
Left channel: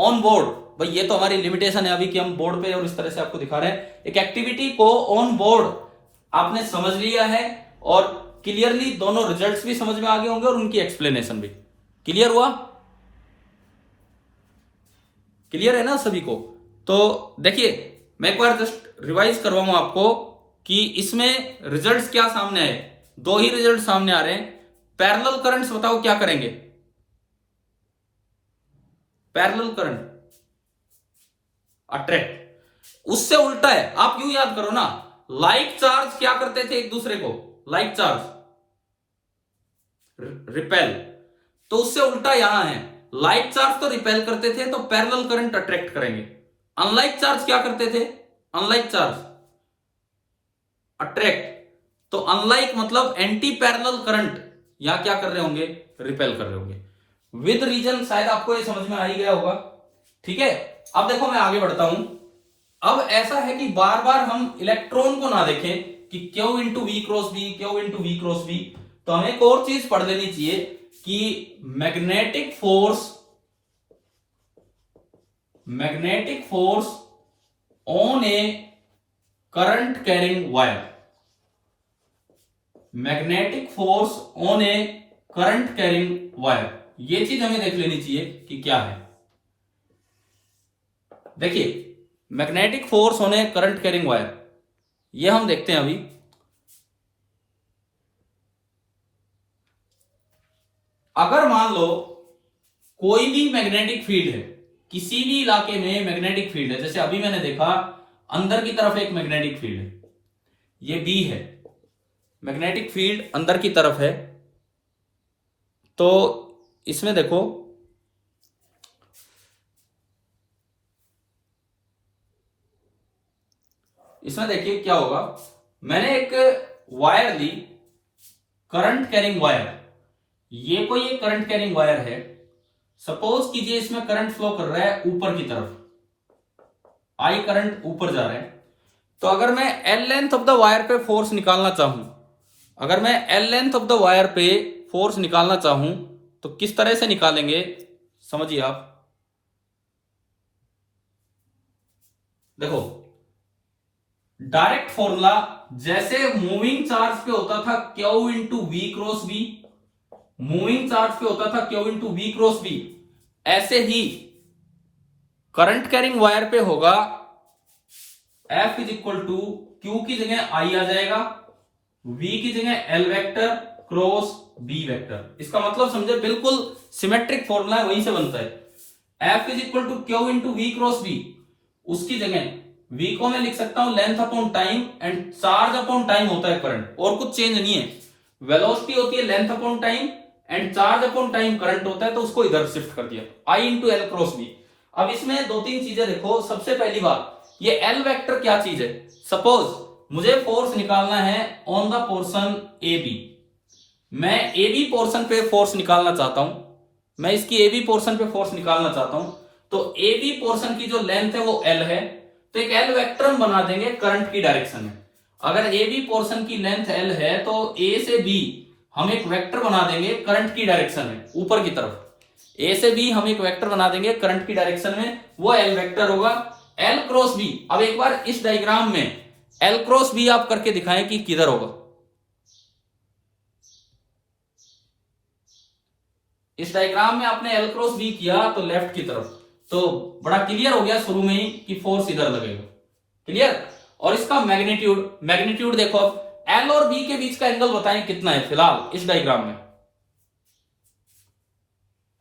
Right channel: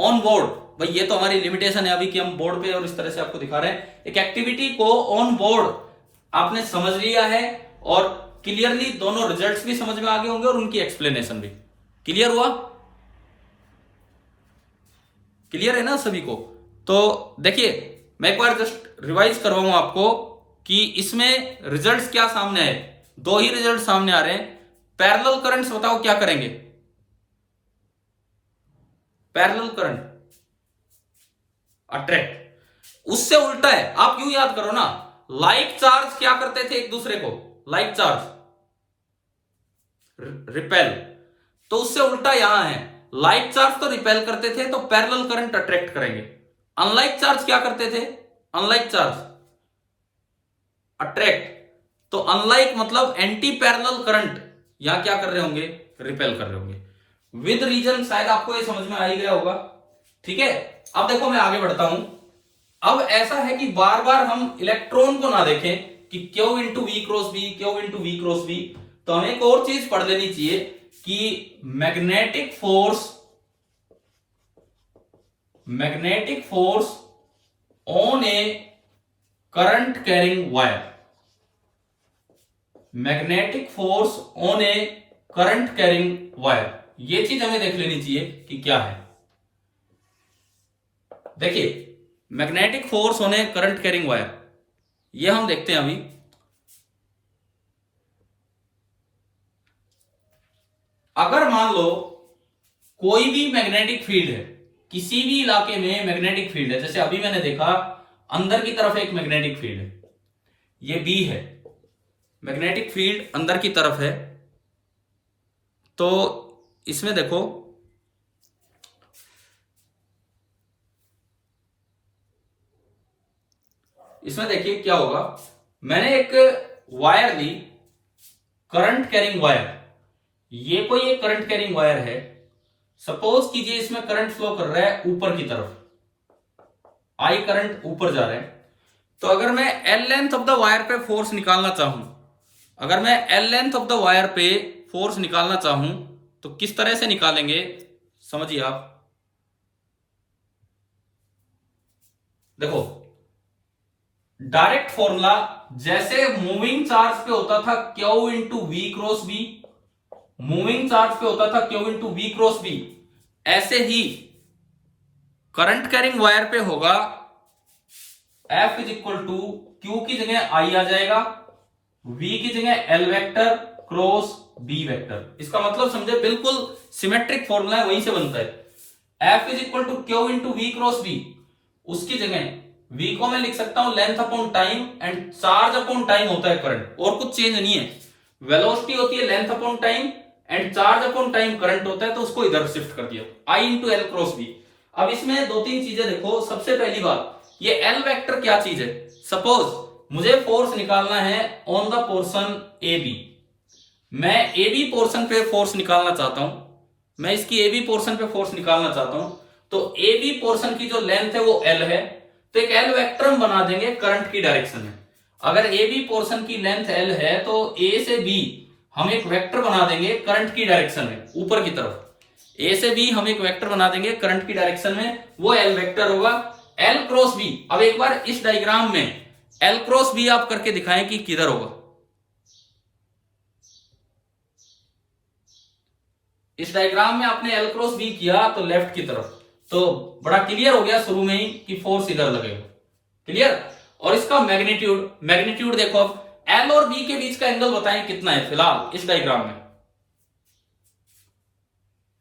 ऑन बोर्ड, भाई ये तो हमारी लिमिटेशन है अभी कि हम बोर्ड पे और इस तरह से आपको दिखा रहे हैं, एक एक्टिविटी को ऑन बोर्ड आपने समझ लिया है और क्लियरली दोनों रिजल्ट्स भी समझ में आ गए होंगे और उनकी एक्सप्लेनेशन भी क्लियर हुआ। क्लियर है ना सभी को? तो देखिए, मैं एक बार जस्ट रिवाइज करवाऊं आपको कि इसमें रिजल्ट्स क्या सामने आए। दो ही रिजल्ट सामने आ रहे हैं। पैरेलल करंट्स बताओ क्या करेंगे? पैरेलल करंट अट्रैक्ट, उससे उल्टा है, आप यूं याद करो ना, लाइक चार्ज क्या करते थे एक दूसरे को? लाइक चार्ज रिपेल, तो उससे उल्टा यहां है, लाइक चार्ज तो रिपेल करते थे, तो पैरेलल करंट अट्रैक्ट करेंगे। अनलाइक चार्ज क्या करते थे? अनलाइक चार्ज अट्रैक्ट, तो अनलाइक मतलब एंटी पैरेलल करंट यहां क्या कर रहे होंगे? रिपेल कर रहे होंगे। विद रीजन शायद आपको ये समझ में आ ही गया होगा। ठीक है, अब देखो मैं आगे बढ़ता हूं। अब ऐसा है कि बार बार हम इलेक्ट्रॉन को ना देखें कि Q into V cross B, Q into V cross B, तो हमें एक और चीज पढ़ लेनी चाहिए कि magnetic force on a current carrying wire, magnetic force on a current carrying wire, ये चीज हमें देख लेनी चाहिए कि क्या है। देखिए, magnetic force on a current carrying wire, ये हम देखते हैं अभी। अगर मान लो कोई भी मैग्नेटिक फील्ड है, किसी भी इलाके में मैग्नेटिक फील्ड है, जैसे अभी मैंने देखा अंदर की तरफ एक मैग्नेटिक फील्ड है, ये बी है, मैग्नेटिक फील्ड अंदर की तरफ है, तो इसमें देखो इसमें देखिए क्या होगा। मैंने एक वायर ली, करंट कैरिंग वायर, ये कोई एक करंट कैरिंग वायर है। सपोज कीजिए इसमें करंट फ्लो कर रहा है ऊपर की तरफ, आई करंट ऊपर जा रहा है। तो अगर मैं L length of the wire पे फोर्स निकालना चाहूं, अगर मैं L length of the wire पे फोर्स निकालना चाहूं तो किस तरह से निकालेंगे समझिए आप। देखो, डायरेक्ट फॉर्मूला, जैसे मूविंग चार्ज पे होता था Q into V cross B, moving charge पे होता था Q into V cross B, ऐसे ही करंट कैरिंग वायर पे होगा F is equal to Q की जगह आई आ जाएगा, V की जगह L vector cross B vector. इसका मतलब समझे, बिल्कुल सिमेट्रिक फॉर्मूला है, वहीं से बनता है। F is equal to Q into V cross B, उसकी जगह V को मैं लिख सकता हूं length upon time and charge upon time होता है करंट, और कुछ चेंज नहीं है। वेलोसिटी होती है length upon time and charge upon time current होता है, तो उसको इधर शिफ्ट कर दिया I into L cross B. अब इसमें दो तीन चीजें देखो। सबसे पहली बात, ये एल वेक्टर क्या चीज है? सपोज मुझे फोर्स निकालना है on the portion A B, मैं ए बी पोर्शन पे फोर्स निकालना चाहता हूं, मैं इसकी ए बी पोर्शन पे फोर्स निकालना चाहता हूं, तो ए बी पोर्शन की जो लेंथ है वो एल है, तो एक एल वेक्टर हम बना देंगे करंट की डायरेक्शन में। अगर ए बी पोर्शन की लेंथ एल है तो ए से बी हम एक वेक्टर बना देंगे करंट की डायरेक्शन में, ऊपर की तरफ ए से बी हम एक वेक्टर बना देंगे करंट की डायरेक्शन में, वो एल वेक्टर होगा एल क्रॉस बी। अब एक बार इस डायग्राम में एल क्रॉस बी आप करके दिखाएं कि किधर होगा। इस डायग्राम में आपने एल क्रॉस बी किया तो लेफ्ट की तरफ, तो बड़ा क्लियर हो गया शुरू में ही कि फोर्स इधर लगेगा। क्लियर? और इसका मैग्नीट्यूड, मैग्नीट्यूड देखो, अब एल और बी के बीच का एंगल बताएं कितना है फिलहाल इस डायग्राम में।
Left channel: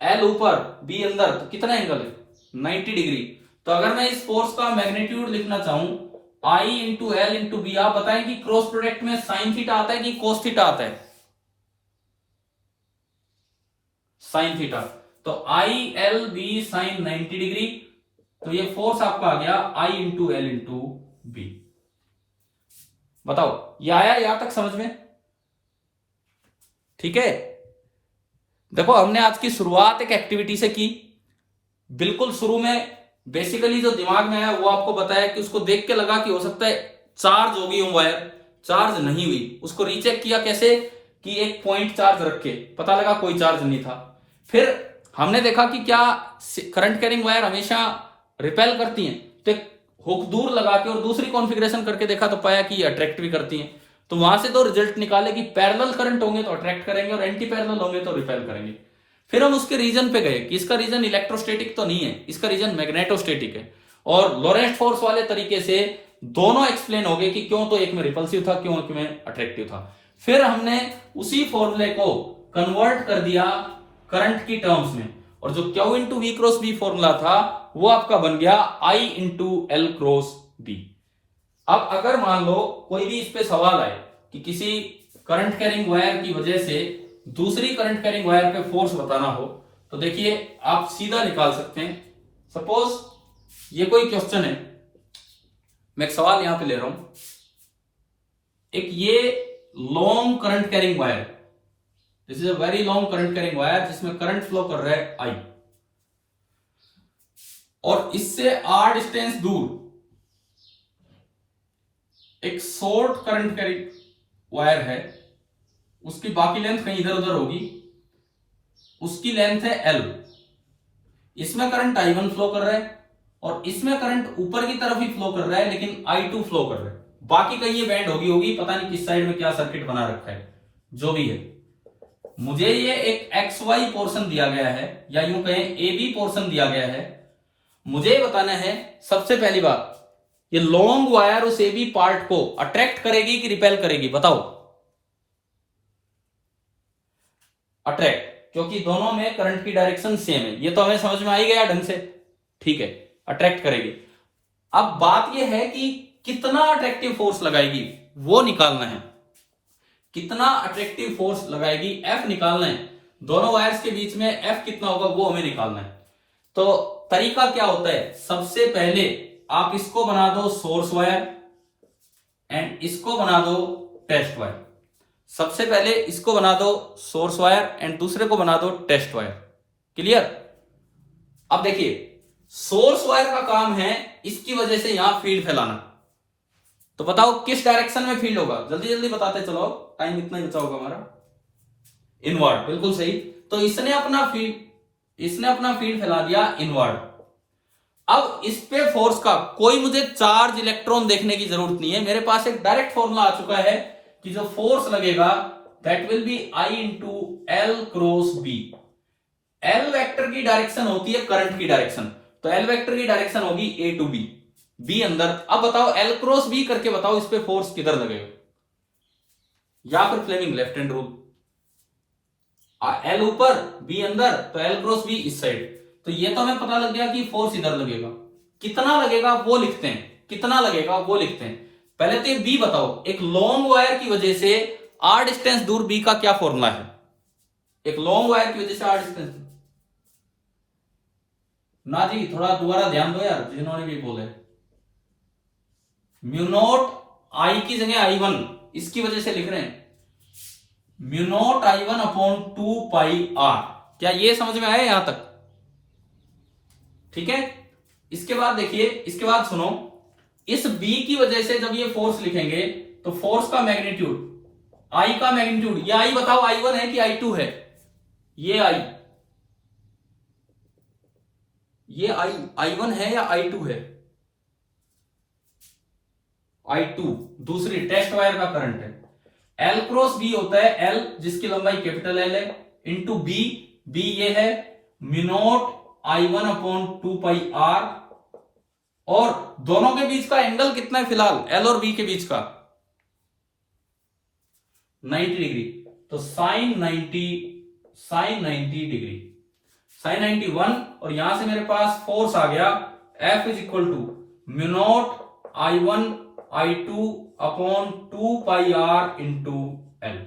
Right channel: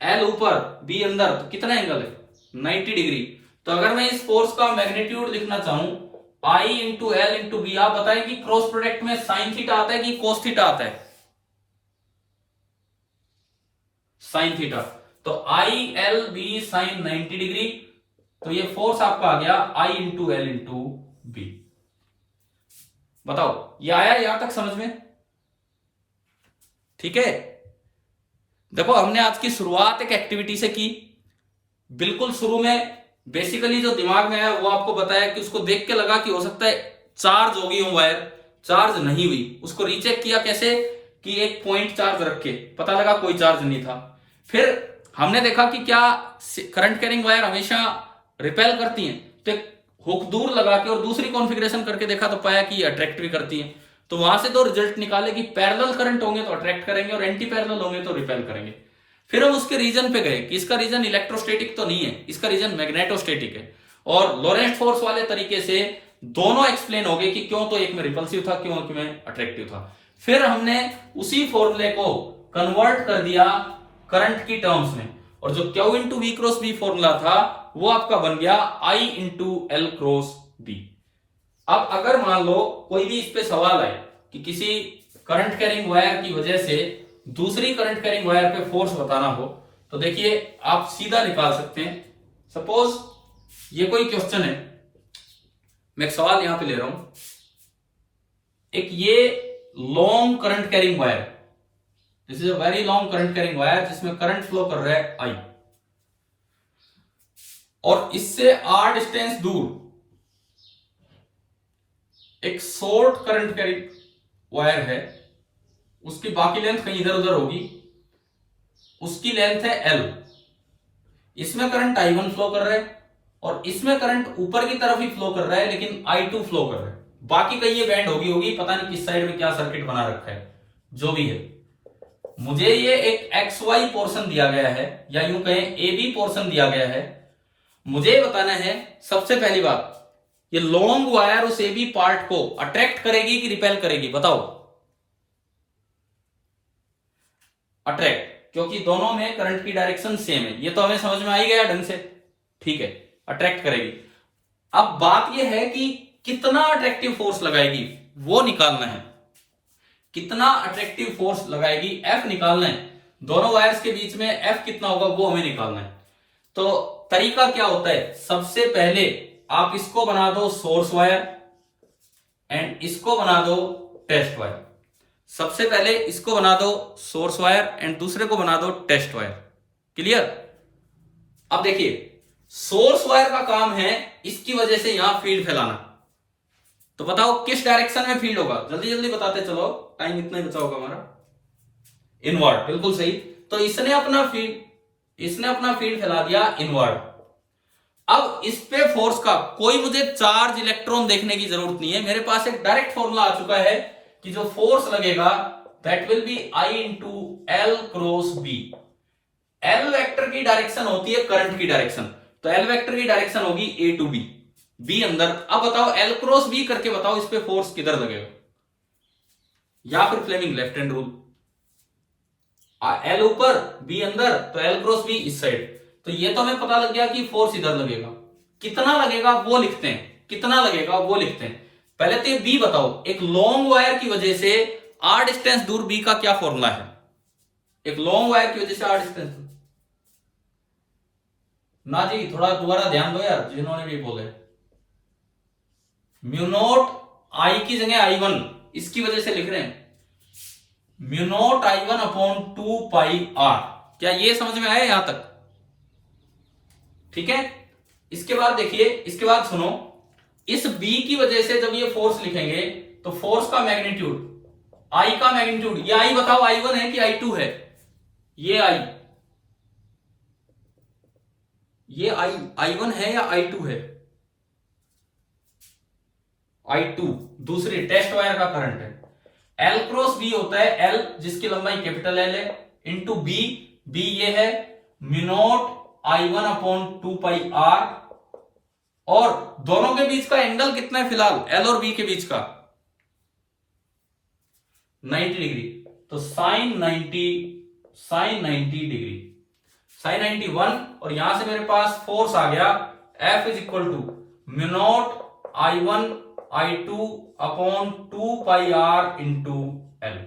एल ऊपर बी अंदर, तो कितना एंगल है? 90 डिग्री। तो अगर मैं इस फोर्स का मैग्नीट्यूड लिखना चाहूं I into L into B, आप बताएं कि क्रॉस प्रोडक्ट में साइन थीटा आता है कि कोस थीटा आता है? Sine theta. तो I L B sine 90 degree, तो ये फोर्स आपका आ गया I into L into B. बताओ ये आया यहां तक समझ में? ठीक है। देखो हमने आज की शुरुआत एक एक्टिविटी से की। बिल्कुल शुरू में बेसिकली जो दिमाग में है वो आपको बताया कि उसको देख के लगा कि हो सकता है चार्ज होगी वो वायर, चार्ज नहीं हुई। उसको रीचेक किया कैसे कि एक पॉइंट चार्ज रख के, पता लगा कोई चार्ज नहीं था। फिर हमने देखा कि क्या करंट कैरिंग वायर हमेशा रिपेल करती हैं, तो एक हुक दूर लगा के और दूसरी कॉन्फ़िगरेशन करके देखा तो पाया कि अट्रैक्ट भी करती हैं। तो वहां से तो रिजल्ट निकाले कि पैरेलल करंट होंगे तो अट्रैक्ट करेंगे और एंटी पैरेलल होंगे तो रिपेल करेंगे। फिर हम उसके रीजन पे गए कि इसका रीजन इलेक्ट्रोस्टैटिक तो नहीं है, इसका रीजन मैग्नेटोस्टैटिक है, और लोरेंट्ज फोर्स वाले तरीके से दोनों एक्सप्लेन हो गए कि क्यों तो एक में रिपल्सिव था, क्यों एक में अट्रैक्टिव था। फिर हमने उसी फॉर्मूले को कन्वर्ट कर दिया करंट की टर्म्स में, और जो Q into V cross B formula था वो आपका बन गया I into L cross B. अब अगर मान लो कोई भी इस पे सवाल आए कि किसी करंट कैरिंग वायर की वजह से दूसरी करंट कैरिंग वायर पे फोर्स बताना हो, तो देखिए आप सीधा निकाल सकते हैं। सपोज ये कोई क्वेश्चन है, मैं एक सवाल यहां पे ले रहा हूं, एक ये long current carrying wire, this is a very long current carrying wire जिसमें करंट फ्लो कर रहा है आई, और इससे आर डिस्टेंस दूर एक शॉर्ट करंट कैरिंग वायर है, उसकी बाकी लेंथ कहीं इधर उधर होगी, उसकी लेंथ है एल। इसमें करंट I1 फ्लो कर रहा है और इसमें करंट ऊपर की तरफ ही फ्लो कर रहा है, लेकिन I2 फ्लो कर रहा है। बाकी कहीं ये बैंड होगी, पता नहीं किस साइड में क्या सर्किट बना रखा है। जो भी है, मुझे ये एक XY पोर्शन दिया गया है, या यूं कहें AB पोर्शन दिया गया है। मुझे बताना है सबसे पहली बात, ये लॉन्ग वायर उस AB पार्ट को अट्रैक्ट करेगी कि रिपेल करेगी? बताओ। अट्रैक्ट, क्योंकि दोनों में करंट की डायरेक्शन सेम है, ये तो हमें समझ में आ ही गया ढंग से। ठीक है, अट्रैक्ट करेगी। अब बात यह है कि कितना अट्रैक्टिव फोर्स लगाएगी वो निकालना है। कितना अट्रैक्टिव फोर्स लगाएगी F निकालना है। दोनों वायर्स के बीच में F कितना होगा वो हमें निकालना है। तो तरीका क्या होता है, सबसे पहले आप इसको बना दो सोर्स वायर एंड इसको बना दो टेस्ट वायर। सबसे पहले इसको बना दो सोर्स वायर एंड दूसरे को बना दो टेस्ट वायर। क्लियर? अब देखिए, सोर्स वायर का काम है इसकी वजह से यहां फील्ड फैलाना। तो बताओ किस डायरेक्शन में फील्ड होगा? जल्दी जल्दी बताते चलो, टाइम इतना ही बचा होगा हमारा। इनवर्ड, बिल्कुल सही। तो इसने अपना फील्ड फैला दिया इनवर्ड। अब इस पे फोर्स का कोई मुझे चार्ज इलेक्ट्रॉन देखने की जरूरत नहीं है, मेरे पास एक डायरेक्ट फॉर्मूला आ चुका है कि जो फोर्स लगेगा that will be I into L cross B. L vector की डायरेक्शन होती है करंट की डायरेक्शन, तो एल वेक्टर की डायरेक्शन होगी ए टू बी, बी अंदर। अब बताओ एल क्रॉस बी करके बताओ इस पे फोर्स किधर लगेगा, या फिर Fleming left hand rule, L ऊपर बी अंदर, तो एल क्रॉस बी इस साइड। तो ये तो हमें पता लग गया कि फोर्स इधर लगेगा, कितना लगेगा वो लिखते हैं, कितना लगेगा वो लिखते हैं। पहले तो ये बी बताओ, एक लॉन्ग वायर की वजह से आर डिस्टेंस दूर बी का क्या फॉर्मूला है, एक लॉन्ग वायर की वजह से आर डिस्टेंस ना जी, थोड़ा दोबारा ध्यान दो यार जिन्होंने भी बोले। म्यू नॉट आई की जगह I1 इसकी वजह से लिख रहे हैं, mu naught I1 upon 2 pi R. क्या ये समझ में आया यहां तक? ठीक है। इसके बाद देखिए, इसके बाद सुनो, इस B की वजह से जब ये फोर्स लिखेंगे तो फोर्स का मैग्नीट्यूड, I का मैग्नीट्यूड, ये I बताओ I1 है कि I2 है, ये I, ये I1 है या I2 है, I2 दूसरी टेस्ट वायर का करंट है। L क्रॉस B होता है L जिसकी लंबाई कैपिटल L है इंटू B, B ये है mu naught I1 upon 2 pi R, और दोनों के बीच का एंगल कितना है फिलहाल, L और B के बीच का 90 डिग्री, तो साइन 90 डिग्री, साइन 91, और यहां से मेरे पास फोर्स आ गया F is equal to mu naught I1 I2 upon 2 pi R into L।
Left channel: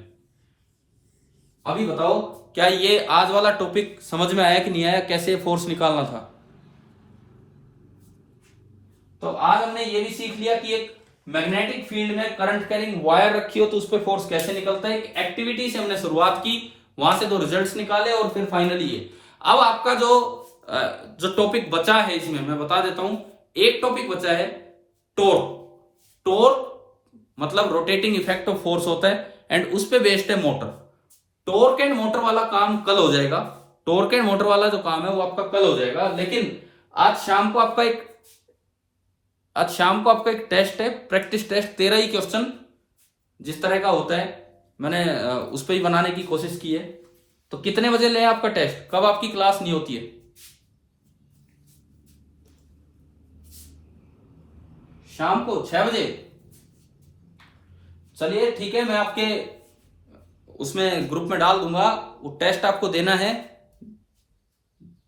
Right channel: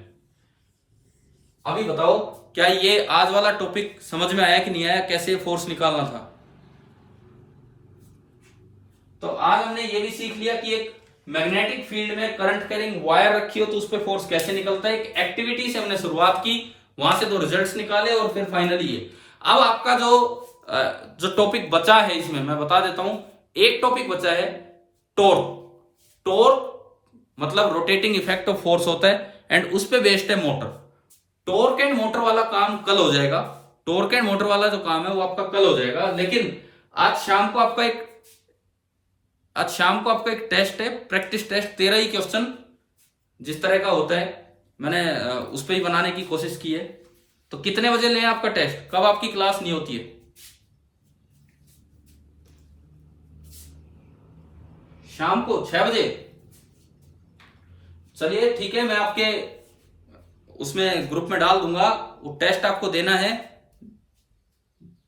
अभी बताओ क्या ये आज वाला टॉपिक समझ में आया कि नहीं आया, कैसे फोर्स निकालना था? तो आज हमने ये भी सीख लिया कि एक मैग्नेटिक फील्ड में करंट कैरिंग वायर रखी हो तो उस पर फोर्स कैसे निकलता है। एक एक्टिविटी से हमने शुरुआत की, वहां से 2 रिजल्ट्स निकाले, और फिर फाइनली ये। अब आपका जो टॉपिक बचा है इसमें मैं बता देता हूं। एक टॉपिक बचा है टॉर्क। टॉर्क मतलब रोटेटिंग इफेक्ट ऑफ फोर्स होता है, एंड उस पे बेस्ड है मोटर। टॉर्क एंड मोटर वाला काम कल हो जाएगा, टॉर्क एंड मोटर वाला जो काम है वो आपका कल हो जाएगा। लेकिन आज शाम को आपका एक टेस्ट है, प्रैक्टिस टेस्ट, 13 ही क्वेश्चन जिस तरह का होता है मैंने उस पर ही बनाने की कोशिश की है। तो कितने बजे लें आपका टेस्ट, कब आपकी क्लास नहीं होती है? शाम को 6 बजे। चलिए ठीक है, मैं आपके उसमें ग्रुप में डाल दूंगा, वो टेस्ट आपको देना है।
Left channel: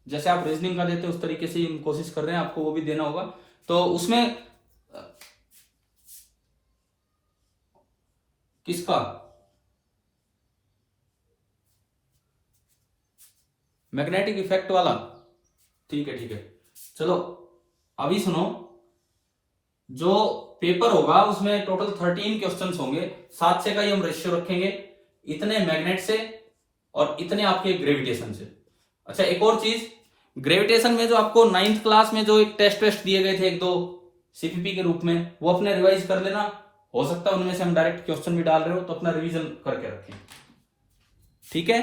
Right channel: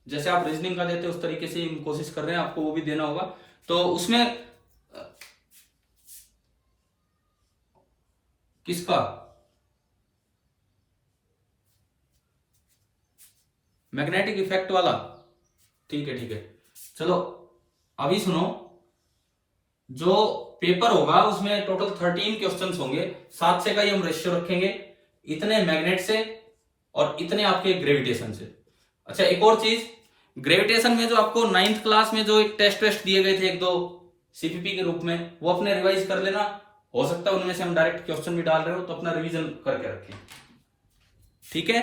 जैसे आप रीजनिंग का देते हैं उस तरीके से कोशिश कर रहे हैं, आपको वो भी देना होगा। तो उसमें किसका, मैग्नेटिक इफेक्ट वाला? ठीक है ठीक है, चलो अभी सुनो। जो पेपर होगा उसमें टोटल 13 क्वेश्चंस होंगे, 7 से का ही हम रेशियो रखेंगे, इतने मैग्नेट से और इतने आपके ग्रेविटेशन से। अच्छा एक और चीज, ग्रेविटेशन में जो आपको 9th क्लास में जो एक टेस्ट दिए गए थे 1-2 सीपीपी के रूप में, वो अपने रिवाइज कर लेना। हो सकता है उनमें से हम डायरेक्ट क्वेश्चन भी डाल रहे हो, तो अपना रिवीजन करके रखें, ठीक है।